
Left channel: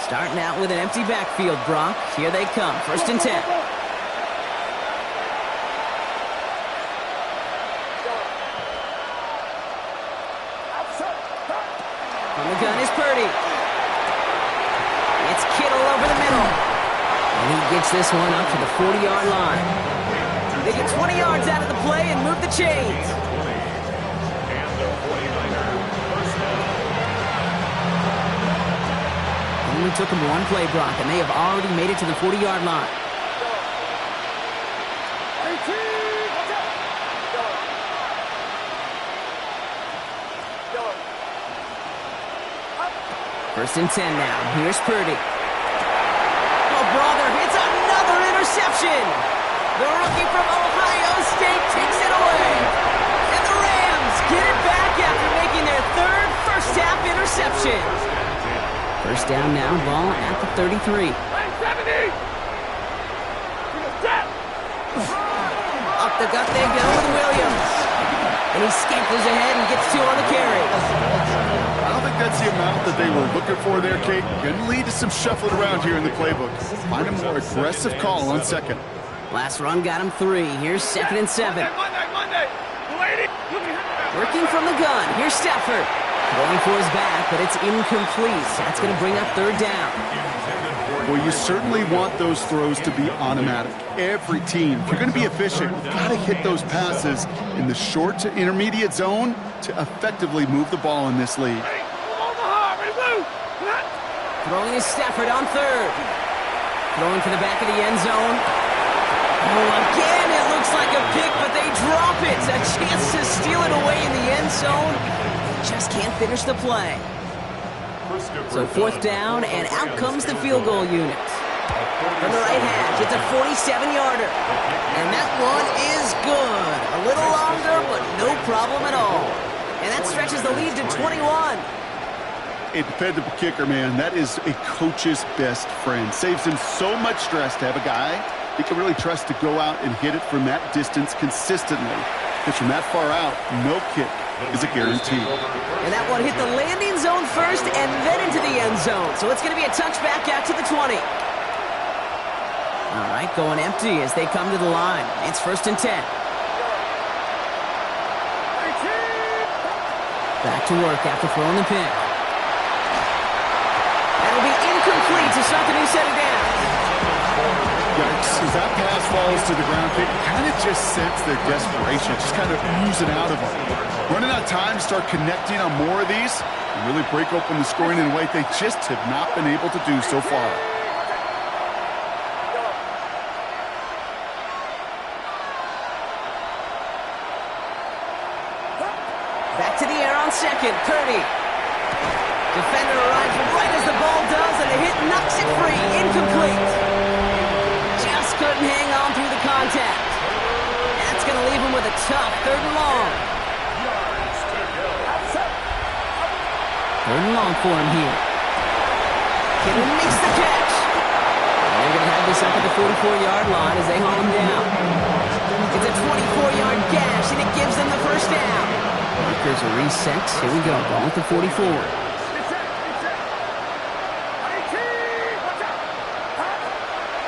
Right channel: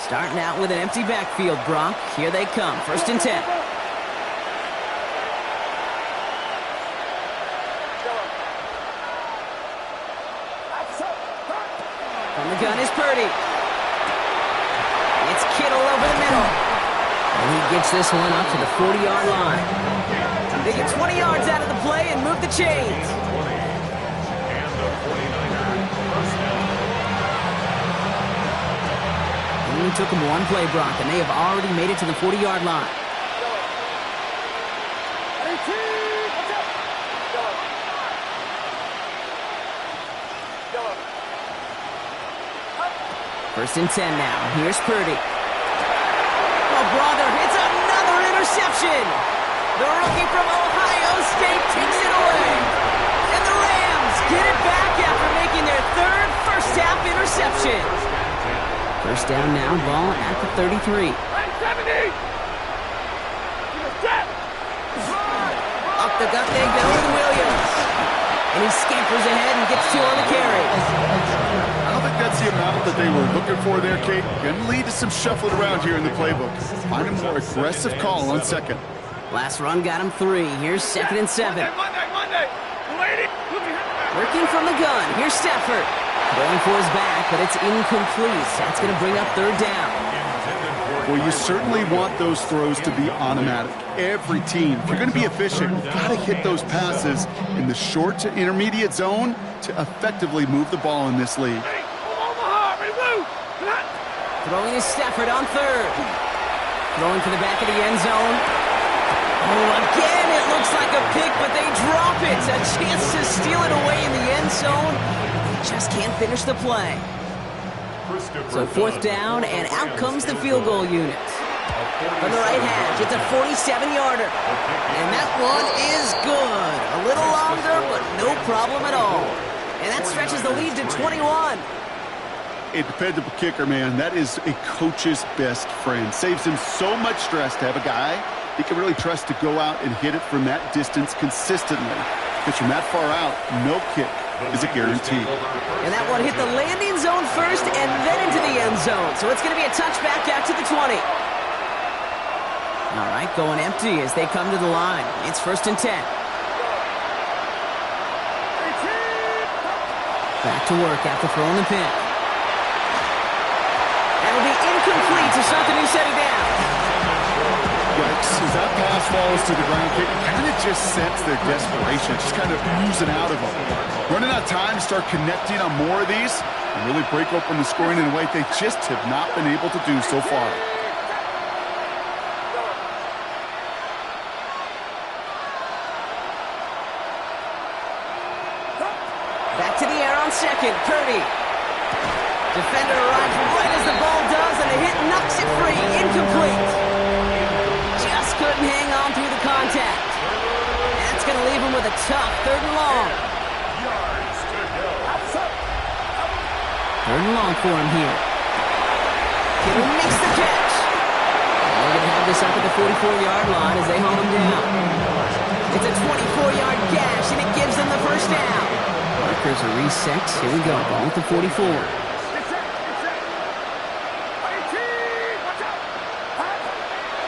Starting out with an empty backfield, Brock. Here they come, 1st and 10. From the gun is Purdy. It's Kittle over the middle. And he gets this one up to the 40-yard line. They get 20 yards out of the play and move the chains. 20. And the 49er 1st down. It only took them one play, Brock, and they have already made it to the 40-yard line. First and 10 now. Here's Purdy. Oh, brother, it's another interception. The rookie from Ohio State takes it away. And the Rams get it back after making their 3rd first-half interception. 1st down now, ball at the 33. 70. Up the gut they go with Williams. And he scampers ahead and gets 2 on the carry. I don't think that's the amount that they were looking for there, Kate. Going to lead to some shuffling around here in the playbook. Find a more aggressive call on 2nd. Last run got him 3. Here's 2nd and 7. Monday. Lady. Working from the gun. Here's Stafford. Going for his back, but it's incomplete. That's going to bring up 3rd down. Well, you certainly want those throws to be automatic. Every team, if you're going to be efficient, you've got to hit those passes in the short to intermediate zone to effectively move the ball in this league. Throwing is Stafford on 3rd. Throwing for the back of the end zone. Oh, again, it looks like a pick, but they drop it. A chance to steal it away in the end zone. Just can't finish the play. So 4th down, and out comes the field goal unit. From the right hash, it's a 47-yarder. And that one is good. A little longer, but no problem at all. And that stretches the lead to 21. A dependable kicker, man. That is a coach's best friend. Saves him so much stress to have a guy he can really trust to go out and hit it from that distance consistently. Because from that far out, no kick is a guarantee. And that one hit the landing zone first and then into the end zone. So it's going to be a touchback out to the 20. All right, going empty as they come to the line. It's 1st and 10. Back to work after throwing the pick. That'll be incomplete to start the new set of downs. Yikes, as that pass falls to the ground, you kind of just sense their desperation. It's just kind of oozing out of them. Running out of time to start connecting on more of these and really break open the scoring in a way they just have not been able to do so far. Back to the air on second, Purdy. Defender arrives right as the ball does, and the hit knocks it free. Incomplete. Just couldn't hang on through the contact. That's going to leave him with a tough 3rd and long. Yards to go. 3rd and long for him here. Kittle makes the catch. And they're going to have this up at the 44-yard line as they haul him down. It's a 24-yard gash, and it gives them the 1st down. Markers are reset. Here we go. Ball at the 44.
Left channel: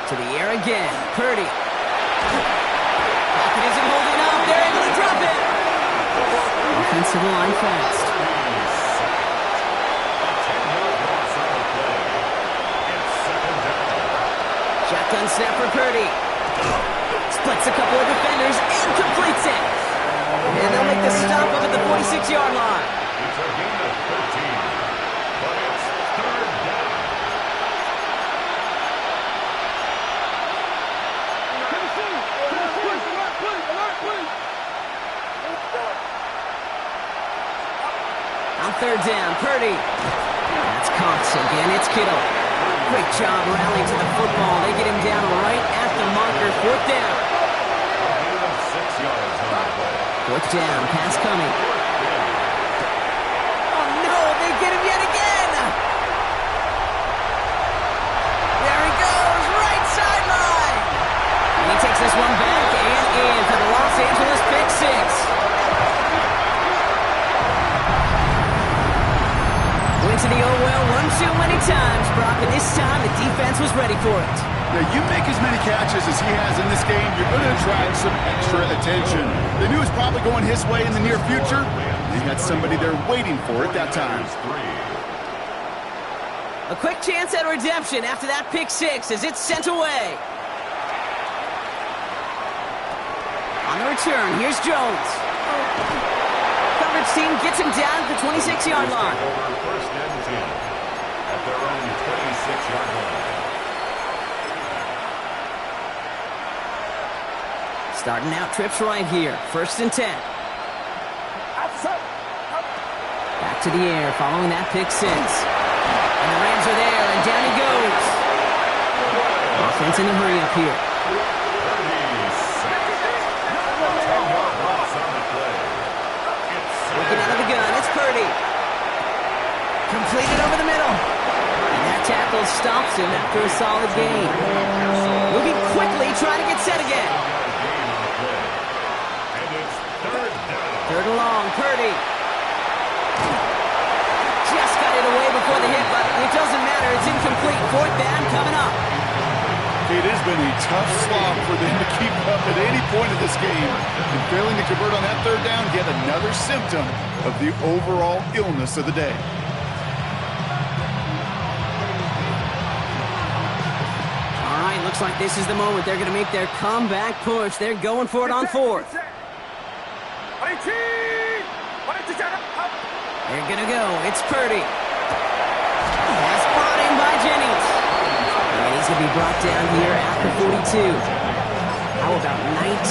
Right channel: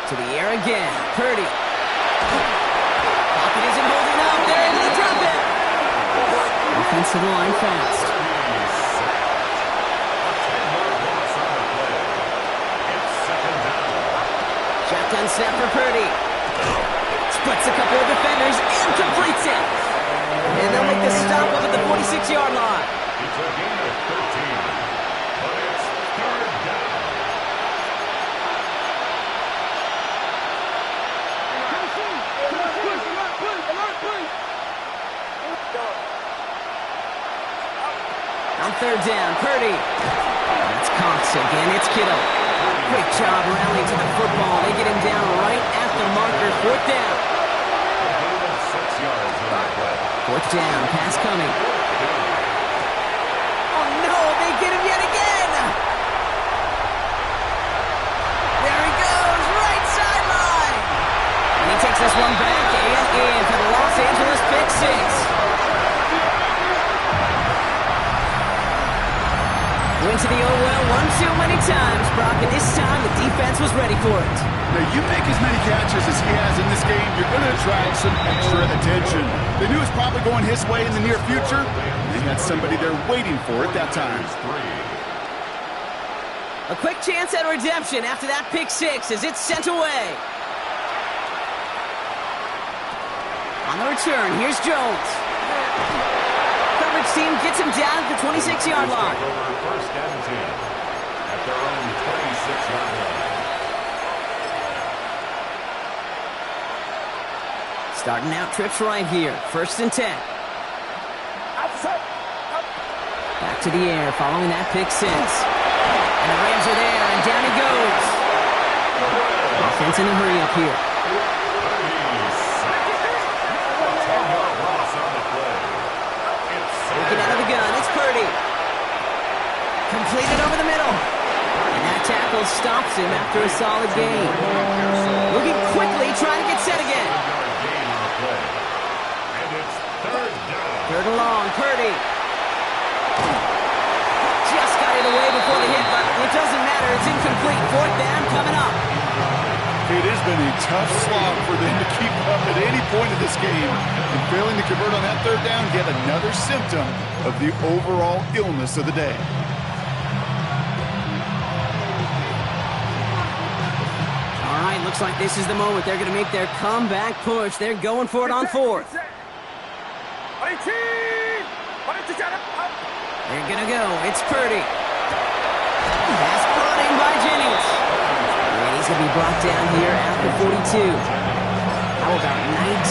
To the air again. Purdy. Pocket isn't holding up. They're able to drop it. Offensive line fast. A 10-yard loss on the play. It's 2nd down. Shotgun snap for Purdy. Splits a couple of defenders and completes it. And they'll make the stop up at the 46-yard line. It's a gain of 13, but it's 3rd down. On 3rd down, Purdy. That's Cox again. It's Kittle. Great job rallying to the football. They get him down right at the marker. 4th down. A gain of 6 yards on the play. 4th down. Pass coming. Oh, no. They get him yet again. There he goes. Right sideline. And he takes this one back and in for the Los Angeles pick 6. Went to the oh well one too many times, Brock, and this time the defense was ready for it. Now, you make as many catches as he has in this game, you're going to attract some extra attention. They knew it was probably going his way in the near future. They had somebody there waiting for it that time. A quick chance at redemption after that pick 6 as it's sent away. On the return, here's Jones. Coverage team gets him down at the 26-yard line. Over 1st and 10 at their own 26-yard line. Starting out trips right here. 1st and 10. Back to the air following that pick 6. And the Rams are there, and down he goes. Offense in a hurry up here. 10-yard loss on the play. Working out of the gun, it's Purdy. Completed over the middle. And that tackle stops him after a solid gain. Moving quickly, trying to get set again. And it's 3rd down. 3rd and long, Purdy. Just got it away before the hit, but it doesn't matter. It's incomplete. 4th down coming up. It has been a tough slog for them to keep up at any point in this game. And failing to convert on that 3rd down, yet another symptom of the overall illness of the day. All right, looks like this is the moment. They're going to make their comeback push. They're going for it on 4th. They're going to go. It's Purdy. Pass brought in by Jennings. And he's going to be brought down here at the 42. How about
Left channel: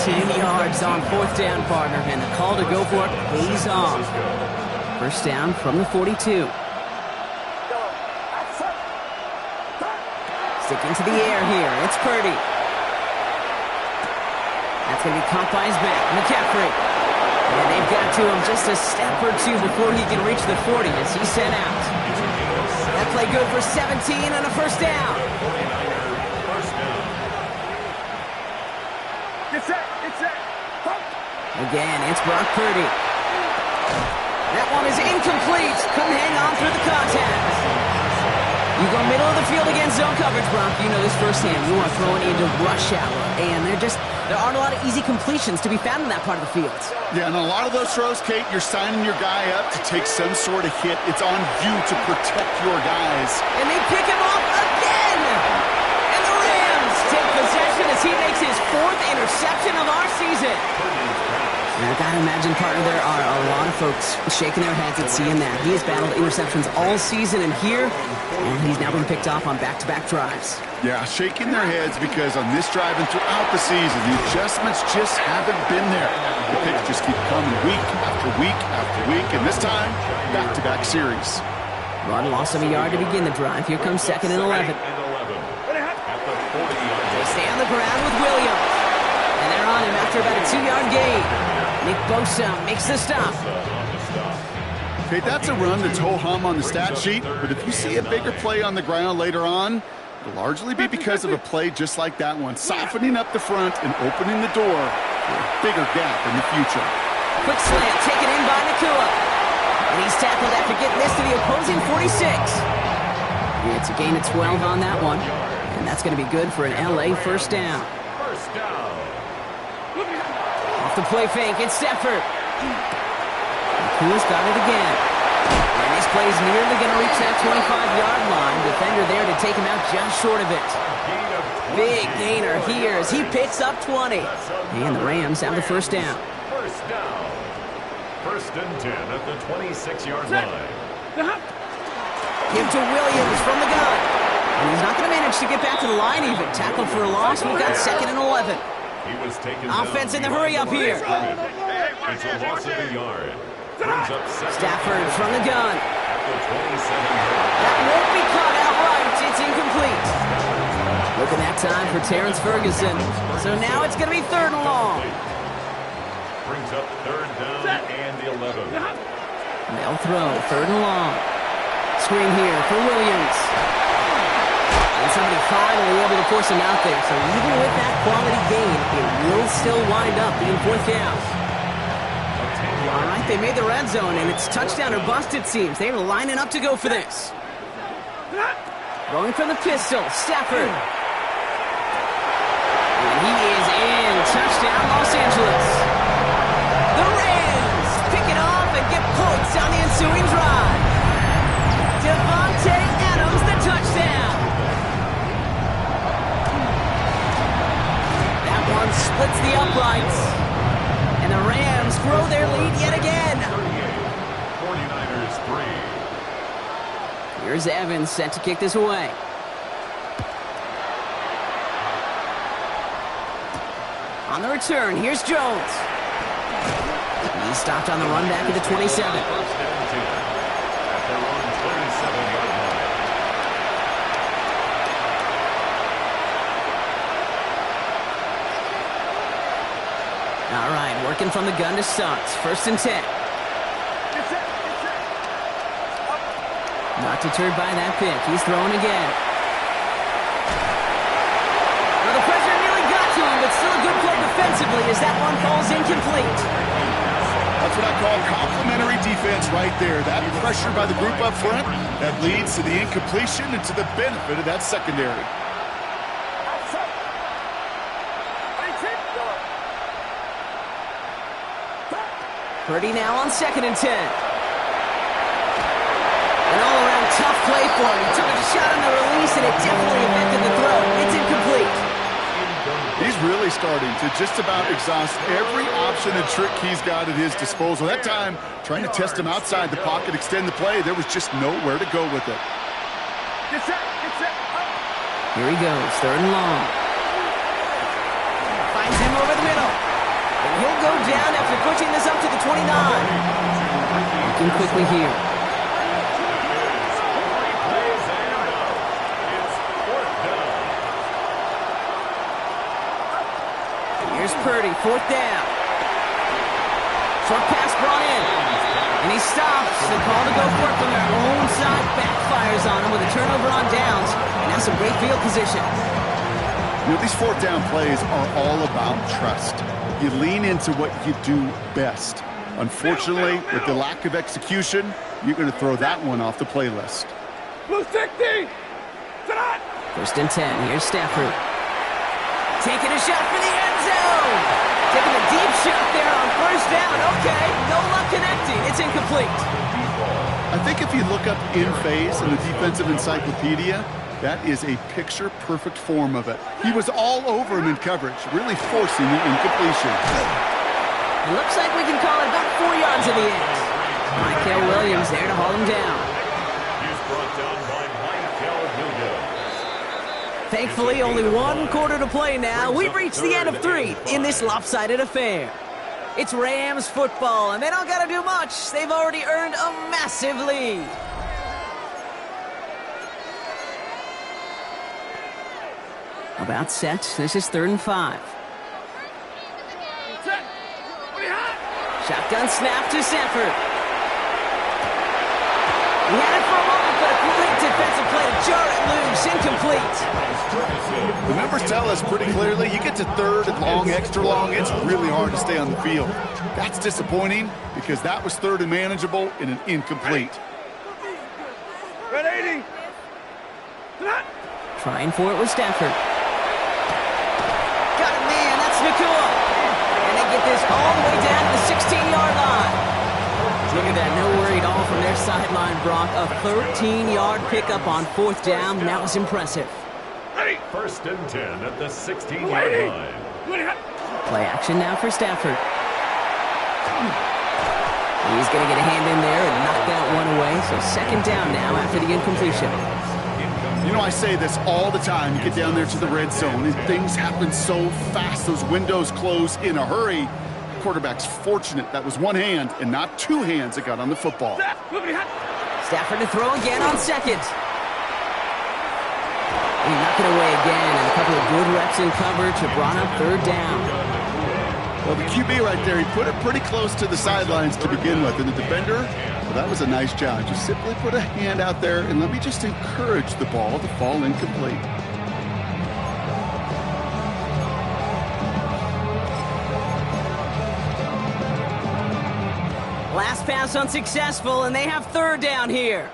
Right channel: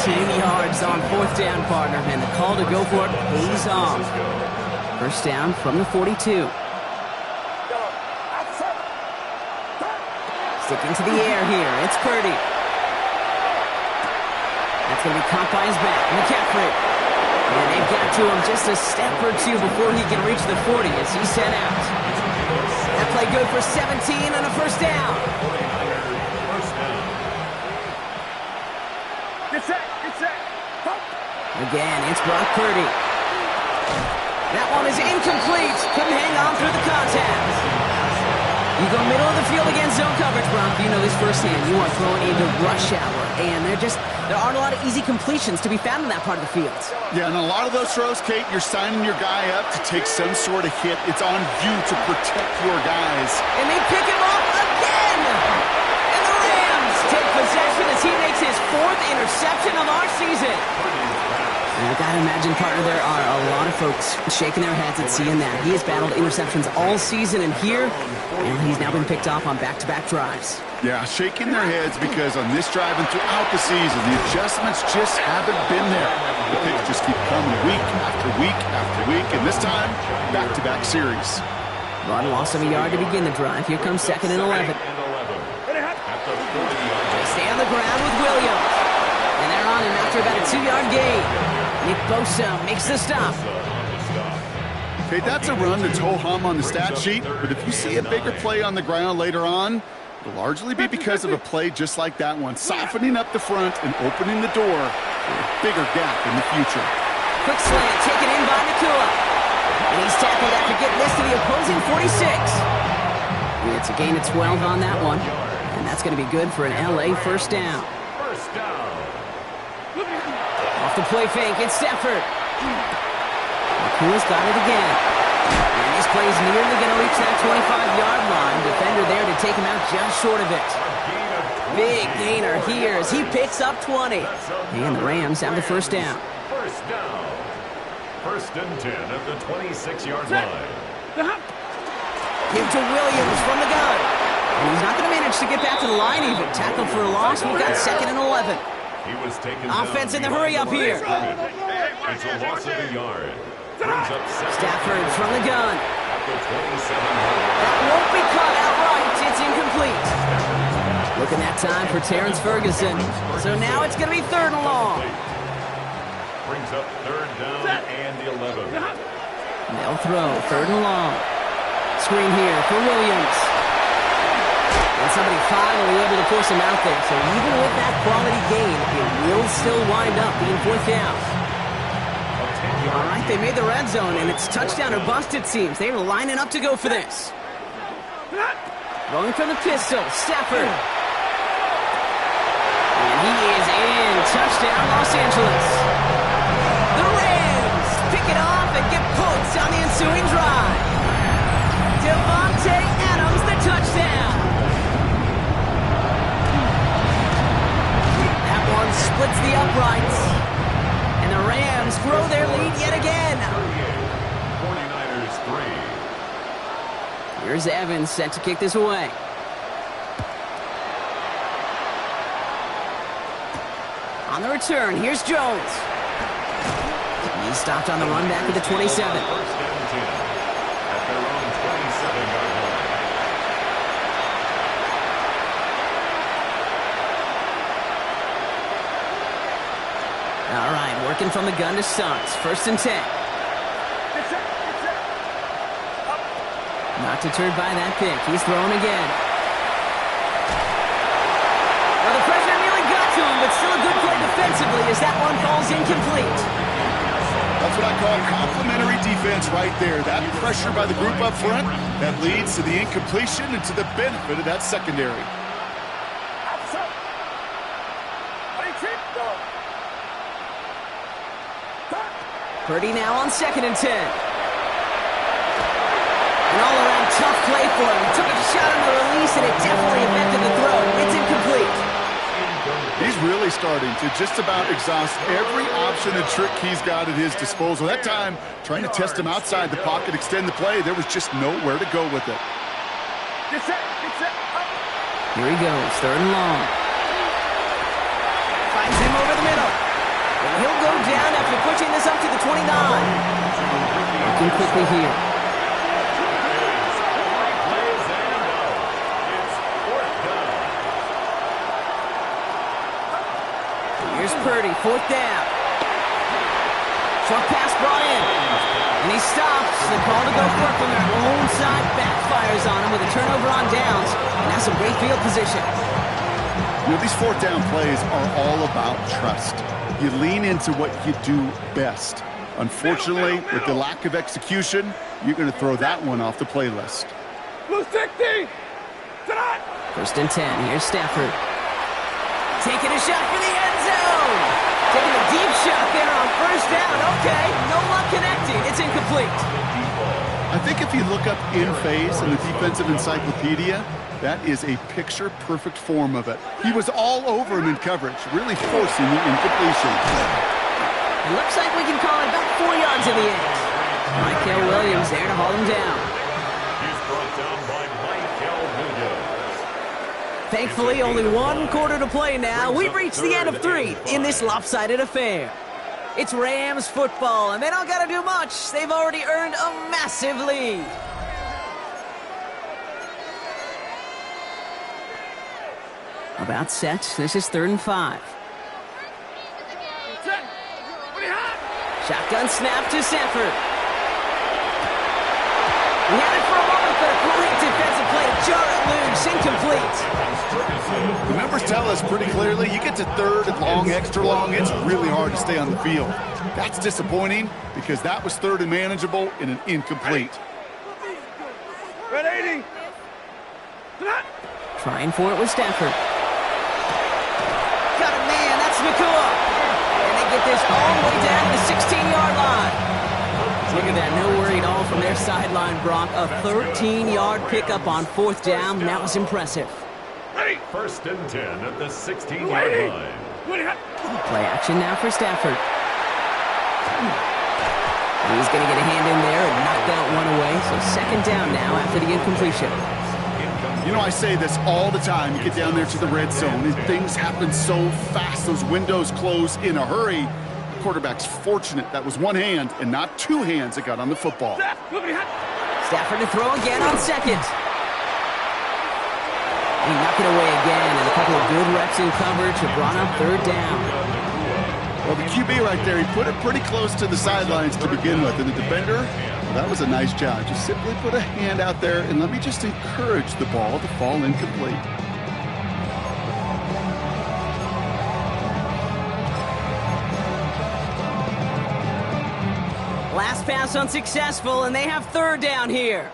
19 yards on 4th down, partner? And the call to go for it pays off. 1st down from the 42. Sticking to the air here. It's Purdy. That's going to be caught by his back. McCaffrey. And they've got to him just a step or two before he can reach the 40 as he's sent out. That play good for 17 and a 1st down. Again, it's Brock Purdy. That one is incomplete. Couldn't hang on through the contact. You go middle of the field against zone coverage, Brock. You know this firsthand. You are throwing into rush hour, and there aren't a lot of easy completions to be found in that part of the field. Yeah, and a lot of those throws, Kate, you're signing your guy up to take some sort of hit. It's on you to protect your guys. And they pick him off again! And the Rams take possession as he makes his 4th interception of our season. And I gotta imagine, partner, there are a lot of folks shaking their heads at seeing that. He has battled interceptions all season, and here, and he's now been picked off on back-to-back drives. Yeah, shaking their heads because on this drive and throughout the season, the adjustments just haven't been there. The picks just keep coming week after week after week, and this time, back-to-back series. Run loss of a yard to begin the drive. Here comes 2nd and 11. They stay on the ground with Williams. And they're on him after about a 2-yard gain. Nick Bosa makes the stop. Okay, that's a run that's ho-hum on the stat sheet, but if you see a bigger play on the ground later on, it'll largely be because of a play just like that one, softening up the front and opening the door for a bigger gap in the future. Quick slant taken in by Nakua. And he's tackled after getting this to the opposing 46. It's a gain of 12 on that one, and that's going to be good for an LA first down. First down. Off the play fake, it's Stafford. Nakua's got it again. And this play is nearly going to reach that 25-yard line. Defender there to take him out just short of it. Big gainer here as he picks up 20. And the Rams have the first down. First down. 1st and 10 at the 26-yard line. Give to Williams from the gun. And he's not going to manage to get back to the line even. Tackled for a loss. We've got 2nd and 11. He was taken Offense in the hurry up here. It's a loss of a yard. Brings up Stafford from the gun. at the 27-yard line. That won't be caught outright. It's incomplete. Looking that time for Terrence Ferguson. So now it's going to be 3rd and long. Brings up 3rd down and 11. They'll throw 3rd and long. Screen here for Williams. And somebody finally able to force him out there. So even with that quality gain, it will still wind up being 4th down. All right, they made the red zone, and it's touchdown or bust, it seems. They're lining up to go for this. Rolling from the pistol, Stafford. And he is in. Touchdown, Los Angeles. The Rams pick it off and get points on the ensuing drive. Devontae Adams, the touchdown. That one splits the uprights. And the Rams grow their lead yet again. 49ers 3. Here's Evans set to kick this away. On the return, here's Jones. He's stopped on the run back at the 27. 1st and 10 at their own 27-yard line. All right, working from the gun to start. 1st and 10. Not deterred by that pick. He's throwing again. Well, the pressure nearly got to him, but still a good play defensively as that one falls incomplete. That's what I call complimentary defense right there. That pressure by the group up front, that leads to the incompletion and to the benefit of that secondary. Purdy now on 2nd and 10. An all-around tough play for him. He took a shot on the release, and it definitely affected the throw. It's incomplete. He's really starting to just about exhaust every option and trick he's got at his disposal. That time, trying to test him outside the pocket, extend the play, there was just nowhere to go with it. Here he goes, 3rd and long. Finds him over the middle. And he'll go down after pushing this up to the 29. Looking quickly here. Here's Purdy, 4th down. Short pass brought in. And he stops. The call to go for it from their own side backfires on him with a turnover on downs. And now some great field position. You know, these 4th down plays are all about trust. You lean into what you do best. Unfortunately, with the lack of execution, you're going to throw that one off the playlist. Blue 60! First and 10. Here's Stafford. Taking a shot for the end zone. Taking a deep shot there on first down. Okay, no luck connecting. It's incomplete. I think if you look up in phase in the defensive encyclopedia, that is a picture-perfect form of it. He was all over him in coverage, really forcing the incompletion. It looks like we can call it about 4 yards in the end. Michael Williams there to haul him down. He's brought down by Michael Williams. Thankfully, only 1 quarter to play now. We've reached the end of 3 in this lopsided affair. It's Rams football, and they don't got to do much. They've already earned a massive lead. About set. This is 3rd and 5. Shotgun snap to Sanford. He had it for a moment, but a great defensive play to jar it loose. Incomplete. The numbers tell us pretty clearly, you get to 3rd and long, extra long, it's really hard to stay on the field. That's disappointing because that was 3rd and manageable in an incomplete. Red 80. Trying for it with Stafford. Got it, man. That's Nakua. And they get this all the way down to the 16-yard line. Look at that. No worry at all from their sideline, Brock. A 13-yard pickup on 4th down. That was impressive. First and 10 at the 16-yard line. Play action now for Stafford. He's going to get a hand in there and knock that one away. So 2nd down now after the incompletion. You know, I say this all the time. You get down there to the red zone, and things happen so fast. Those windows close in a hurry. The quarterback's fortunate that was 1 hand and not 2 hands that got on the football. Stafford to throw again on 2nd. He knocked it away again, and a couple of good reps in coverage have brought up 3rd down. Well, the QB right there, he put it pretty close to the sidelines to begin with, and the defender, well, that was a nice job. Just simply put a hand out there, and let me just encourage the ball to fall incomplete. Last pass unsuccessful, and they have 3rd down here.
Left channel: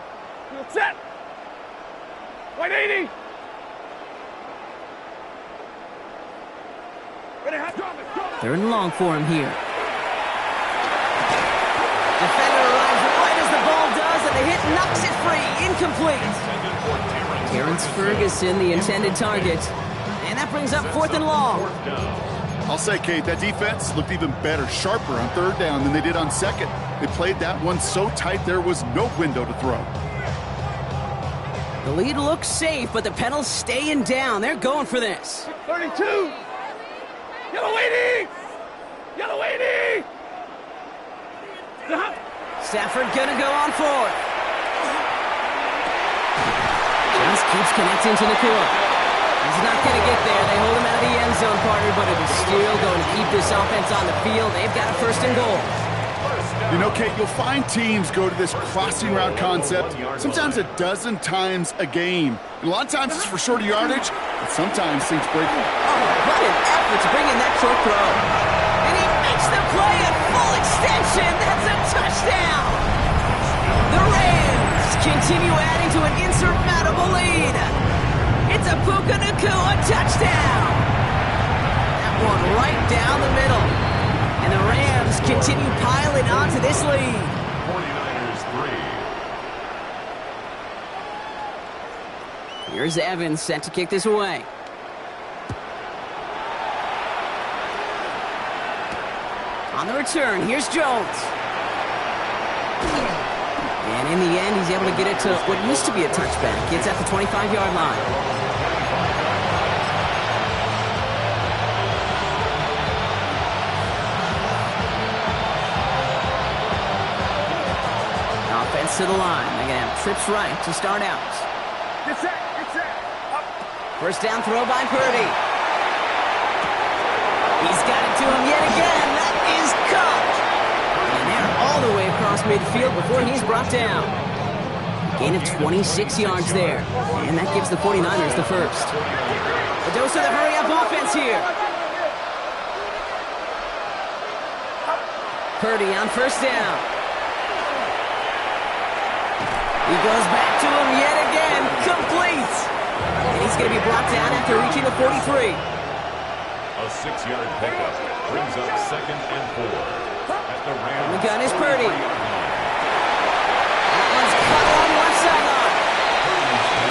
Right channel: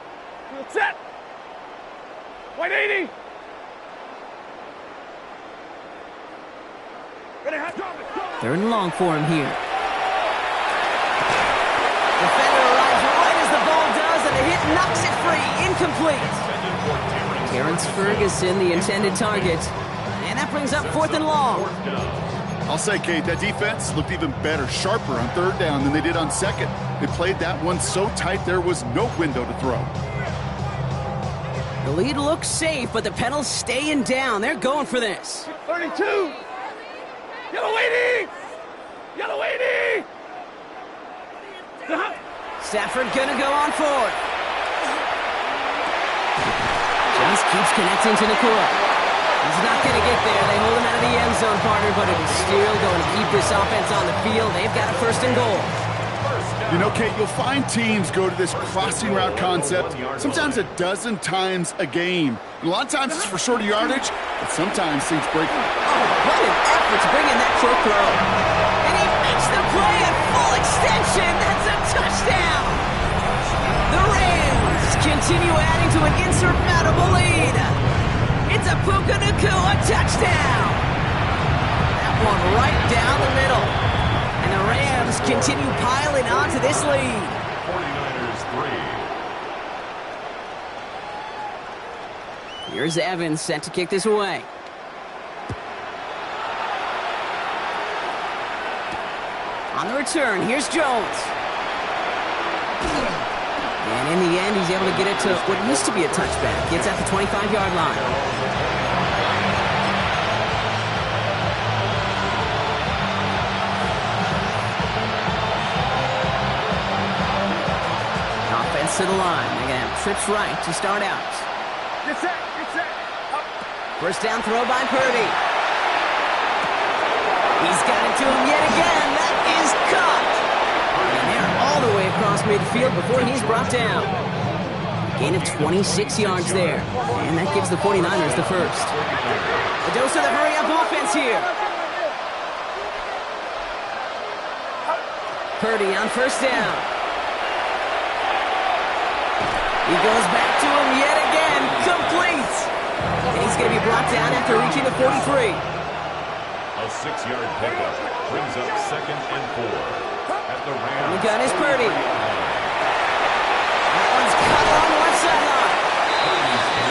Set. White 80. Ready, hot, drop it. 3rd and long for him here. Defender arrives right as the ball does, and the hit knocks it free. Incomplete. Terrence Ferguson, the intended target. And that brings up 4th and long. I'll say, Kate, that defense looked even better, sharper on 3rd down than they did on 2nd. They played that one so tight there was no window to throw. The lead looks safe, but the Penals staying down. They're going for this. 32. Yellow 80. Yellow 80. Stafford gonna go on 4th. Just keeps connecting to Nakua. He's not gonna get there. They hold him out of the end zone, partner, but it is still going to keep this offense on the field. They've got a 1st and goal. You know, Kate, you'll find teams go to this crossing route concept sometimes a dozen times a game. And a lot of times it's for shorter yardage, but sometimes things break. Oh, what an effort to bring in that short throw. And he makes the play at full extension. That's a touchdown. The Rams continue adding to an insurmountable lead. It's a Puka Nakua touchdown. That one right down the middle. And the Rams continue piling on to this lead. 49ers 3. Here's Evans set to kick this away. On the return, here's Jones. And in the end, he's able to get it to what used to be a touchback. Gets at the 25-yard line. Offense to the line. They're going to have trips right to start out. Get set. Get set. Up. First down throw by Purdy. He's got it to him yet again. That is caught. And they're all the way across midfield before he's brought down. Gain of 26 yards there. And that gives the 49ers the first. A dose of the hurry-up offense here. Purdy on first down. He goes back to him yet again. Complete. And he's going to be brought down after reaching the 43. A 6-yard pickup brings up 2nd and 4 at the Rams. And the gun is Purdy. That one's cut along the left sideline.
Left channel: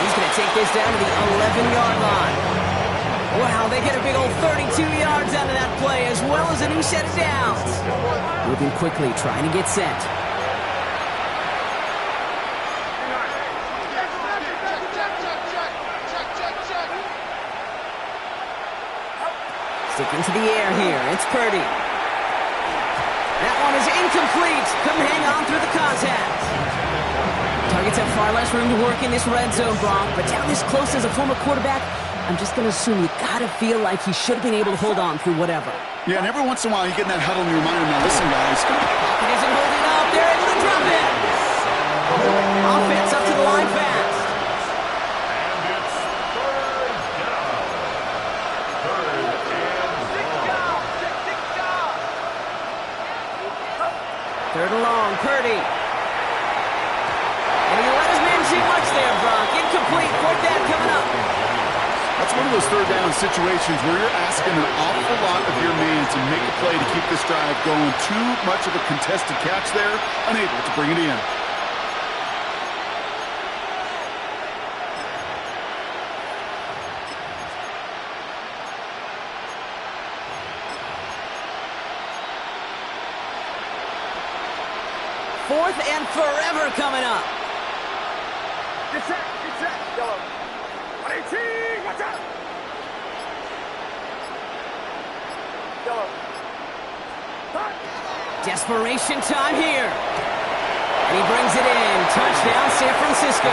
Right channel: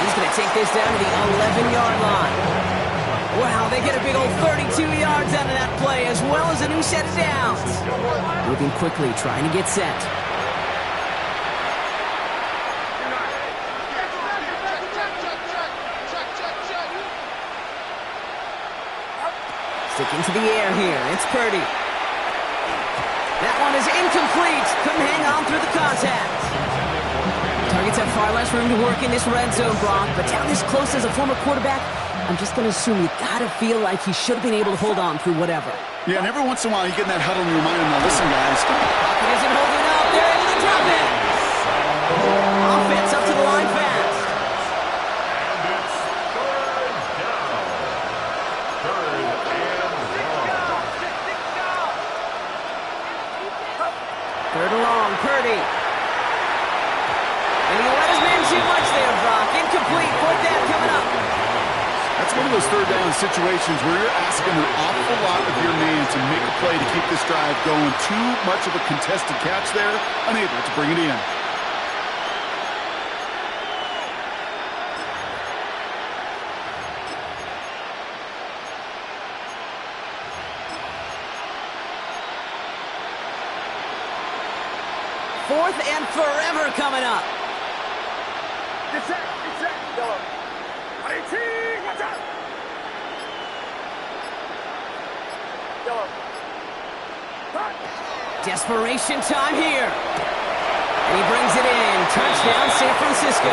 He's going to take this down to the 11-yard line. Wow, they get a big old 32 yards out of that play, as well as a new set of downs. Moving quickly, trying to get set. Sticking to the air here, it's Purdy. That one is incomplete. Couldn't hang on through the contact. Targets have far less room to work in this red zone, Brock, but down this close as a former quarterback, I'm just going to assume you got to feel like he should have been able to hold on through whatever. Yeah, and every once in a while you get in that huddle and you remind him, now listen, guys. Pocket isn't holding up. They're able to drop it. Offense up to the line fast. And it's 3rd down. 3rd and long. 3rd and long, Purdy. And he let his man too much there, Brock. Incomplete. 4th down coming up. That's one of those 3rd down situations where you're asking an awful lot of your man to make a play to keep this drive going. Too much of a contested catch there, unable to bring it in. Fourth and forever coming up. Get set, yellow. 118, watch out! Yellow. Hot. Desperation time here. And he brings it in. Touchdown, San Francisco.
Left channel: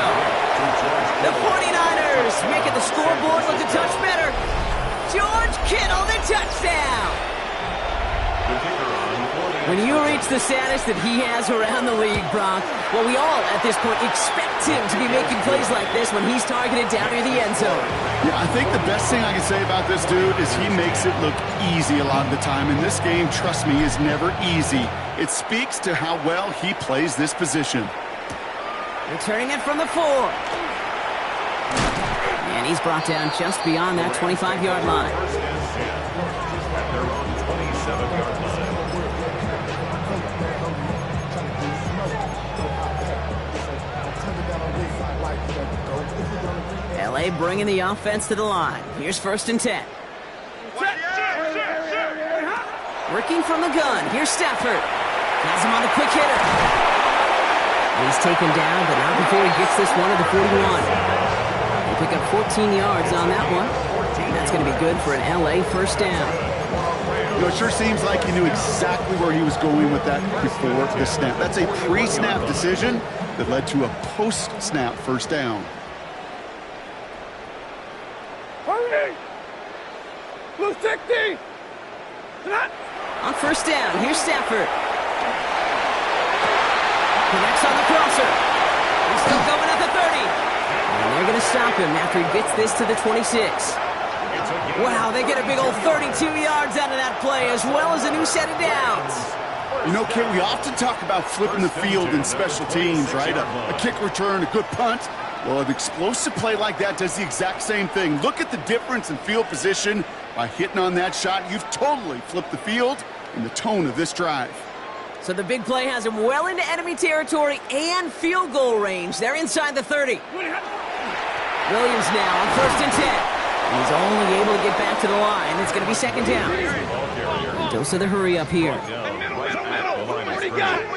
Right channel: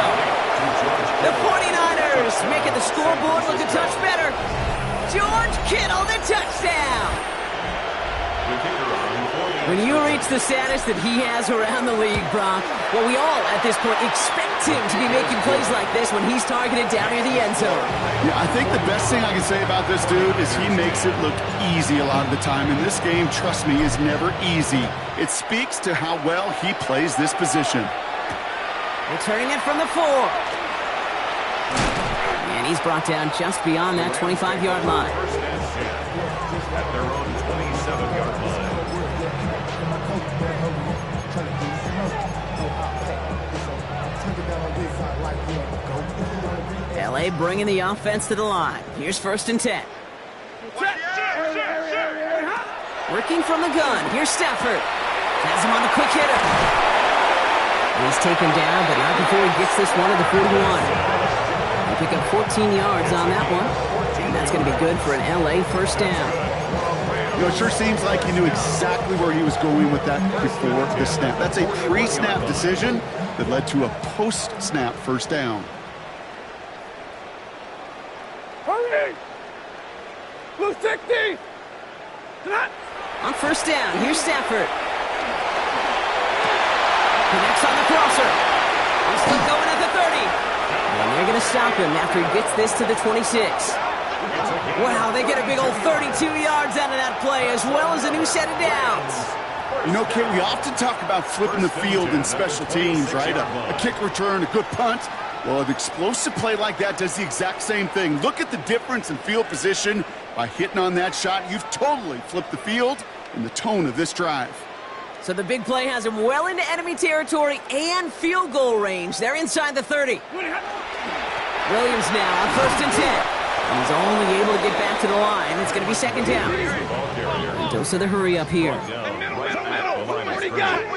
The 49ers making the scoreboard look a touch better. George Kittle, the touchdown. The kicker on for the When you reach the status that he has around the league, Brock, well, we all at this point expect him to be making plays like this when he's targeted down near the end zone. Yeah, I think the best thing I can say about this dude is he makes it look easy a lot of the time. And this game, trust me, is never easy. It speaks to how well he plays this position. Returning it from the 4. And he's brought down just beyond that 25-yard line. 1st and 10 at their own 27-yard line. LA bringing the offense to the line. Here's 1st and 10. Working from the gun. Here's Stafford. Has him on the quick hitter. And he's taken down, but not before he gets this one to the 41. They pick up 14 yards on that one. And that's going to be good for an LA 1st down. You know, it sure seems like he knew exactly where he was going with that before the snap. That's a pre-snap decision that led to a post-snap 1st down. Hurry! Blue 60! On 1st down, here's Stafford. Connects on the crosser. He's still going at the 30. And they're going to stop him after he gets this to the 26. Wow, they get a big old 32 yards out of that play, as well as a new set of downs. You know, Kate, we often talk about flipping the field in special teams, right? A kick return, a good punt. Well, an explosive play like that does the exact same thing. Look at the difference in field position. By hitting on that shot, you've totally flipped the field and the tone of this drive. So the big play has him well into enemy territory and field goal range. They're inside the 30. Williams now on 1st and 10. And he's only able to get back to the line. It's going to be 2nd down. And dose of the hurry up here. Forty got it. No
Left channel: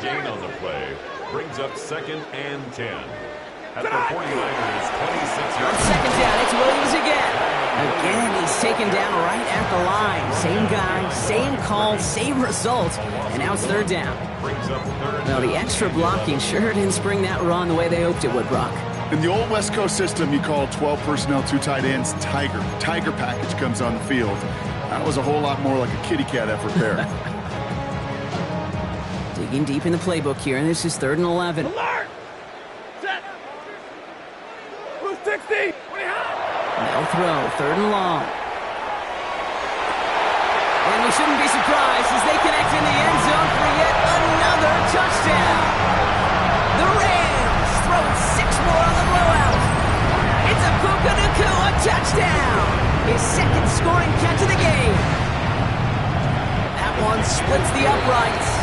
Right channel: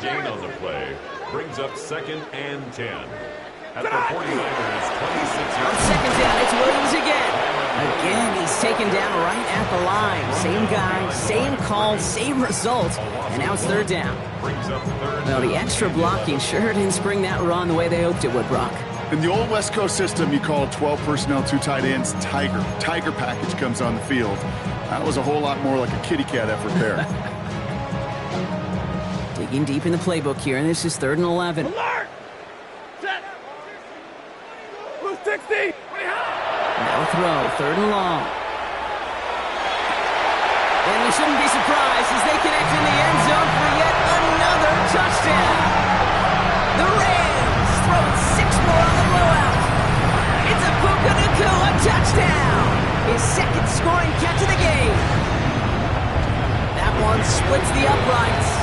gain on the play. Brings up 2nd and 10. At the 49ers, 26 On yards. 2nd down, it's Williams again. Again, he's taken down right at the line. Same guy, same call, same result. And now it's 3rd down. Brings up 3rd. Well, the extra blocking sure didn't spring that run the way they hoped it would, Brock. In the old West Coast system, you call 12 personnel, 2 tight ends, Tiger. Tiger package comes on the field. That was a whole lot more like a kitty cat effort there. Digging deep in the playbook here, and this is 3rd and 11. Alert! Set! Blue 60! They'll throw, 3rd and long. And we shouldn't be surprised as they connect in the end zone for yet another touchdown. The Rams throwing 6 more on the blowout. It's a Puka Nacua touchdown! His second scoring catch of the game. That one splits the uprights.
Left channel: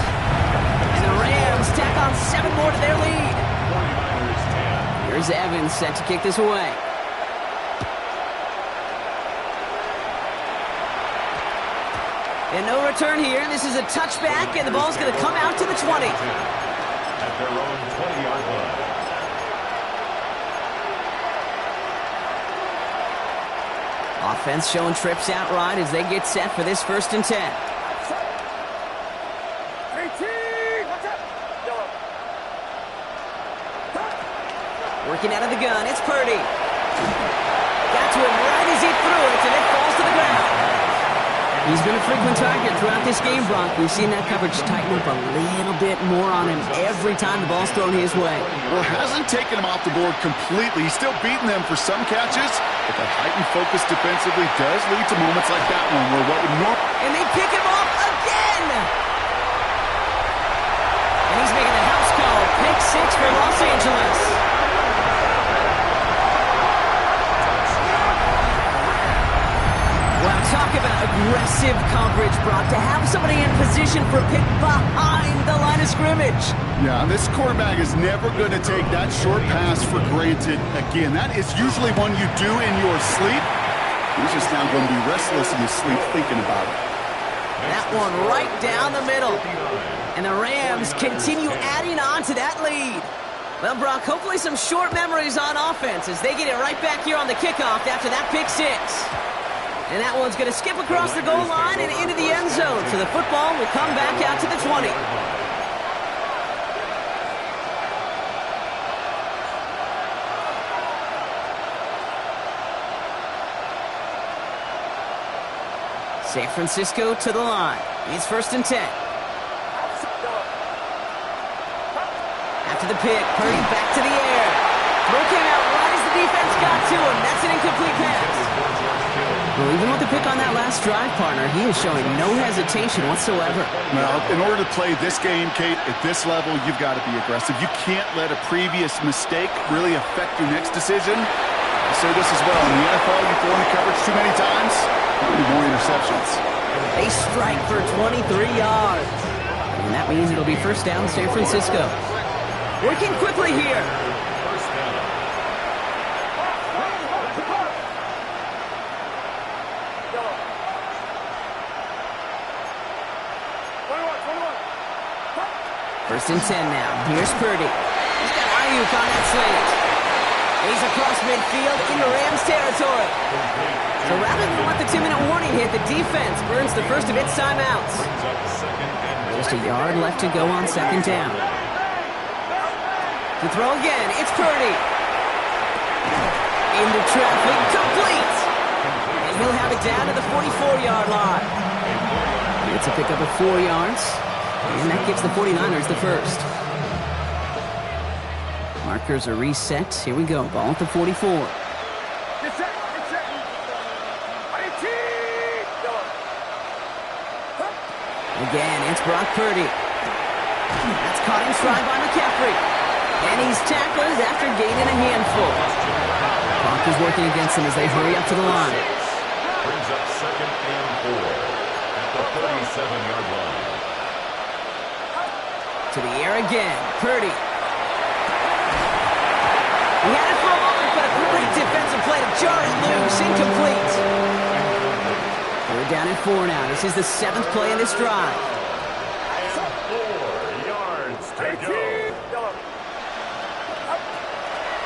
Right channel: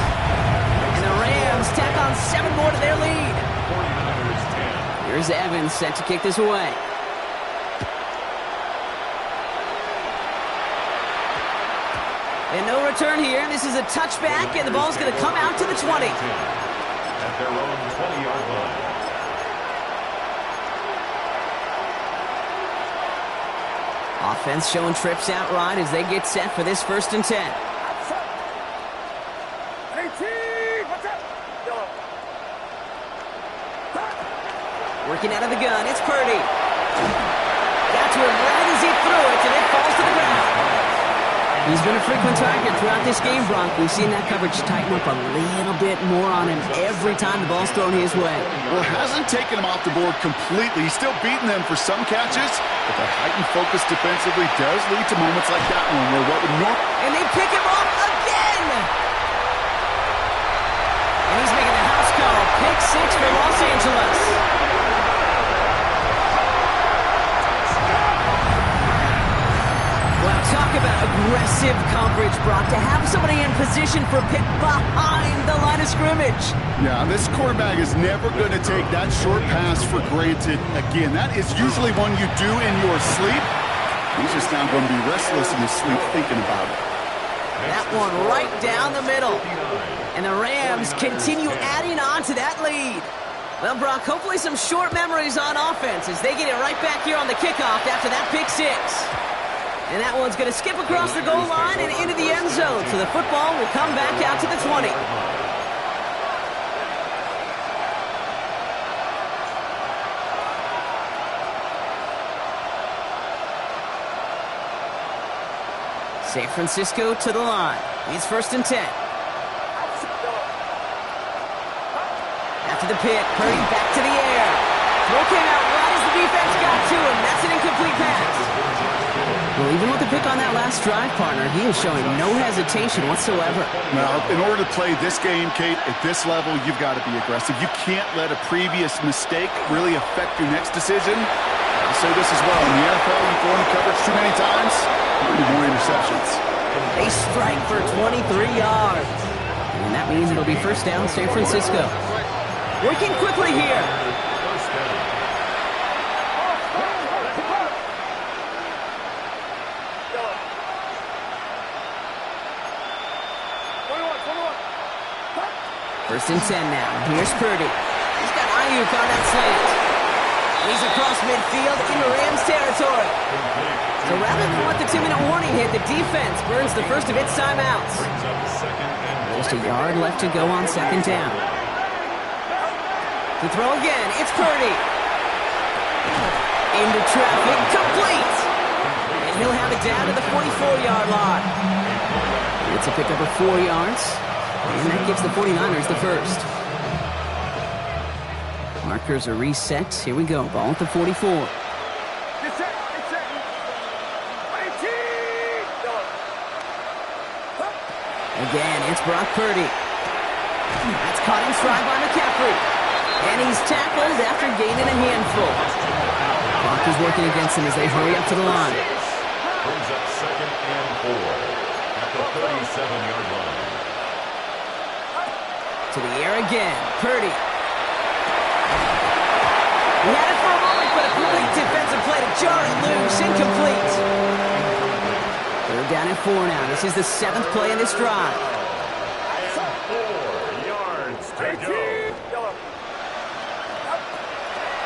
And the Rams tack on 7 more to their lead. 49ers 10. Here's Evans set to kick this away. And no return here. This is a touchback, and the ball's going to come out to the 20. At their own 20-yard line. Offense showing trips out right as they get set for this 1st and 10. 18, watch out! Yellow. Working out of the gun, it's Purdy. Got to him right as he threw it, and it falls to the ground. He's been a frequent target throughout this game, Bronk. We've seen that coverage tighten up a little bit more on him every time the ball's thrown his way. Well, it hasn't taken him off the board completely. He's still beating them for some catches, but that heightened focus defensively does lead to moments like that one where what would normally... And they pick him off again! And he's making the house call. Pick 6 for Los Angeles. Wow, talk about aggressive coverage, Brock. To have somebody in position for a pick behind the line of scrimmage. Yeah, this quarterback is never going to take that short pass for granted again. That is usually one you do in your sleep. He's just now going to be restless in his sleep thinking about it. That one right down the middle. And the Rams continue adding on to that lead. Well, Brock, hopefully some short memories on offense as they get it right back here on the kickoff after that pick 6. And that one's going to skip across the goal line and into the end zone. So the football will come back out to the 20. San Francisco to the line. It's 1st and 10. After the pick, Purdy back to the air. Throw came out right as the defense got to him. That's an incomplete pass. Well, even with the pick on that last drive, partner, he is showing no hesitation whatsoever. Well, in order to play this game, Kate, at this level, you've got to be aggressive. You can't let a previous mistake really affect your next decision. I'll say this as well. In the NFL, you throw into coverage too many times, there'll be more interceptions. They strike for 23 yards. And that means it'll be 1st down, San Francisco. Working quickly here. First down. Yellow. 21. 1st and 10 now. Here's Purdy. He's got Ayuk on that slant. And he's across midfield into Rams territory. So rather than let the 2-minute warning hit, the defense burns the first of its timeouts. Brings up 2nd and 1. Just a yard left to go on 2nd down. To throw again, it's Purdy. Into traffic, complete. And he'll have it down to the 44-yard line. It's a pickup of 4 yards. And that gives the 49ers the first. Markers are reset. Here we go. Ball at the 44. Get set. 18. Yellow. Again, it's Brock Purdy. That's caught in stride by McCaffrey. And he's tackled after gaining a handful. Clock is working against him as they hurry up to the line. Brings up 2nd and 4 at the 37-yard line. To the air again. Purdy. He had it for a moment, but a great defensive play to jar it loose. Incomplete. 3rd down and 4 now. This is the 7th play in this drive. And 4 yards to go. Yellow.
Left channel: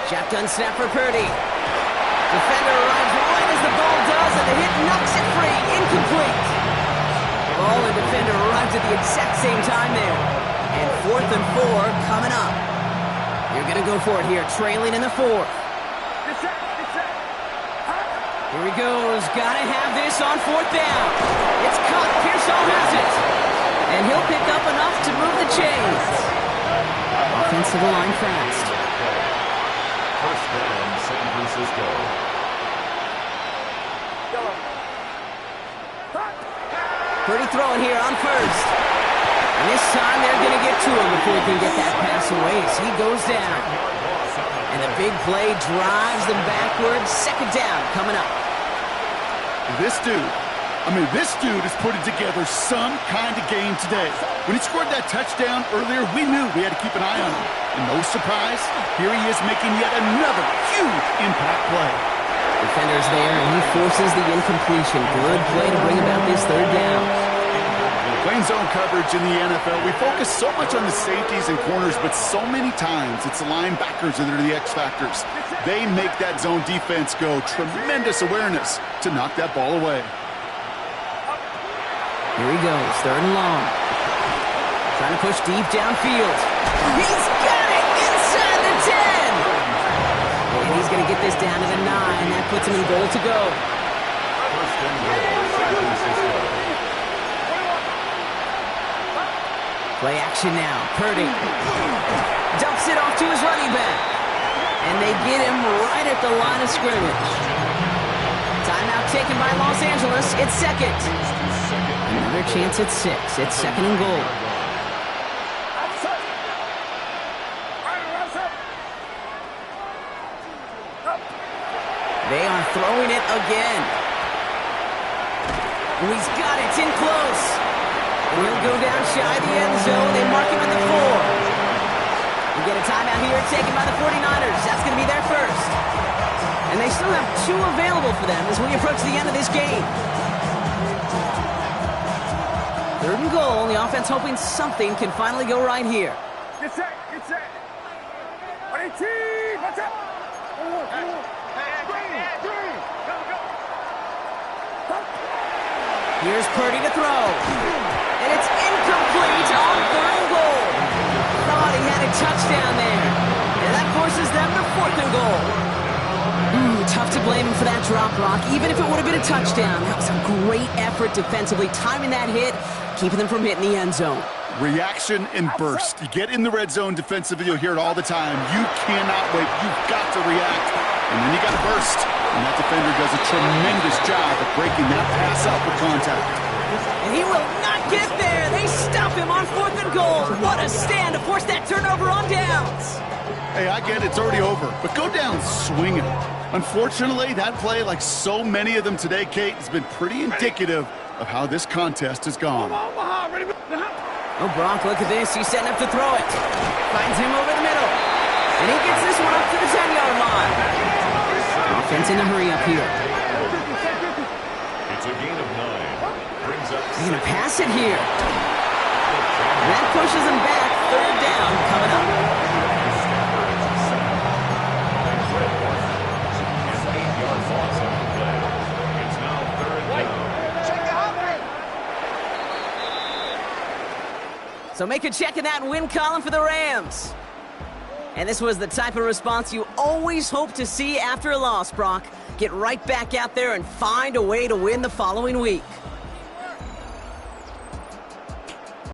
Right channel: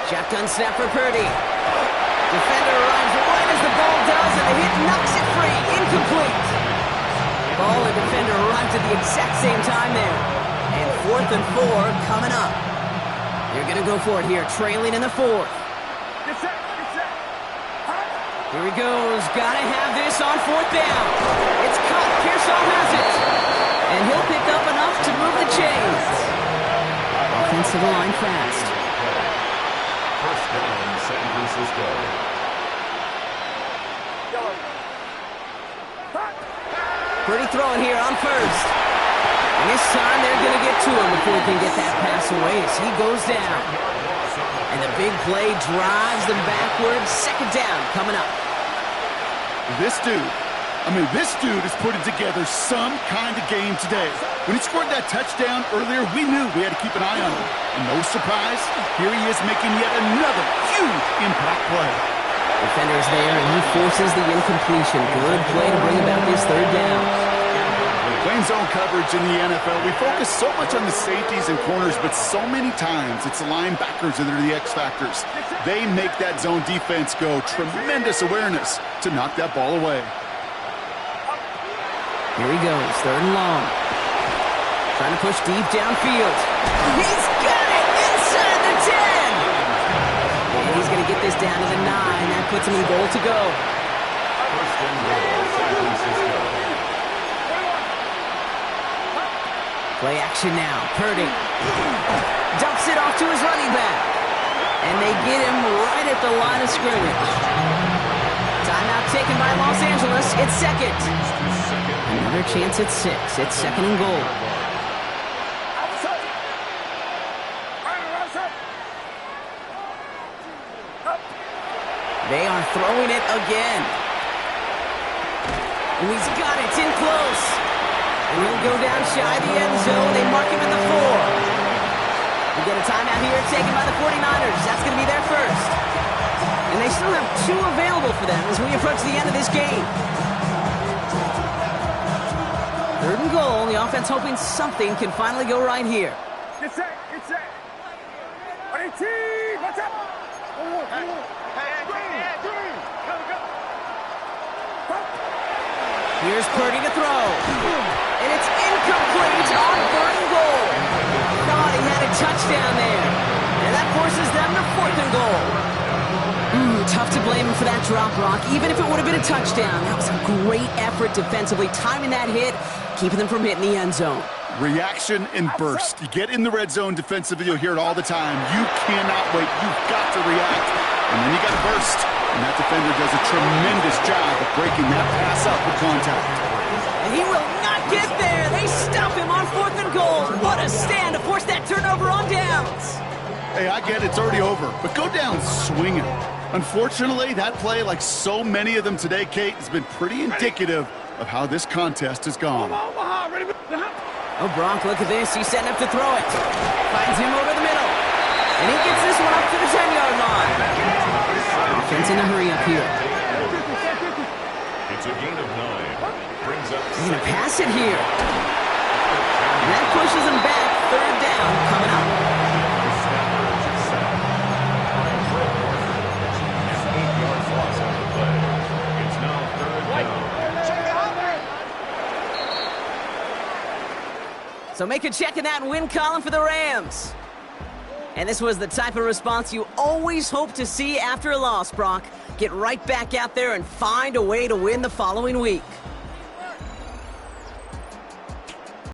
Shotgun snap for Purdy. Defender arrives right as the ball does, and the hit knocks it free. Incomplete. Ball and defender arrived at the exact same time there. And 4th and 4 coming up. They're going to go for it here, trailing in the 4th. Get set. Here he goes. Got to have this on 4th down. It's caught. Pearsall has it. And he'll pick up enough to move the chains. Offense to the line fast. 1st down, San Francisco. Yellow. Purdy throwing here on 1st. And this time they're going to get to him before he can get that pass away as he goes down. And the big play drives them backwards. Second down coming up. This dude is putting together some kind of game today. When he scored that touchdown earlier, we knew we had to keep an eye on him. And no surprise, here he is making yet another huge impact play. Defender's there, and he forces the incompletion. Good play to bring about this third down. Playing zone coverage in the NFL, we focus so much on the safeties and corners, but so many times it's the linebackers that are the X factors. They make that zone defense go. Tremendous awareness to knock that ball away. Here he goes, third and long. Trying to push deep downfield. He's got it inside the 10. And he's going to get this down to the 9. That puts him in goal to go. First and goal, San Francisco. Play action now. Purdy dumps it off to his running back. And they get him right at the line of scrimmage. Timeout taken by Los Angeles. It's second. Another chance at 6. It's second and goal. They are throwing it again. Oh, he's got it. It's in close. And he'll go down shy of the end zone. They mark him at the 4. We get a timeout here taken by the 49ers. That's going to be their first. And they still have 2 available for them as we approach the end of this game. Third and goal. The offense hoping something can finally go right here. Get set, get set. 18, what's up? Here's Purdy to throw. And it's incomplete on third and goal. Thought he had a touchdown there. And that forces them to fourth and goal. Tough to blame him for that drop, Rock. Even if it would have been a touchdown, that was a great effort defensively, timing that hit, keeping them from hitting the end zone. Reaction and burst. You get in the red zone defensively, you'll hear it all the time. You cannot wait. You've got to react. And then you got to burst. And that defender does a tremendous job of breaking that pass up with contact. And he will not get there. They stop him on fourth and goal. What a stand to force that turnover on downs. Hey, I get it. It's already over. But go down swinging. Unfortunately, that play, like so many of them today, Kate, has been pretty indicative of how this contest has gone. Oh, Bronk, look at this. He's setting up to throw it. Finds him over the middle. And he gets this one up to the 10-yard line. Offense in a hurry up here. It's a gain of 9. Brings up. They're going to pass it here. And that pushes them back. Third down coming up. Loss on the play. It's now third down. Check it out. So make a check in that win column for the Rams. And this was the type of response you always hope to see after a loss, Brock. Get right back out there and find a way to win the following week.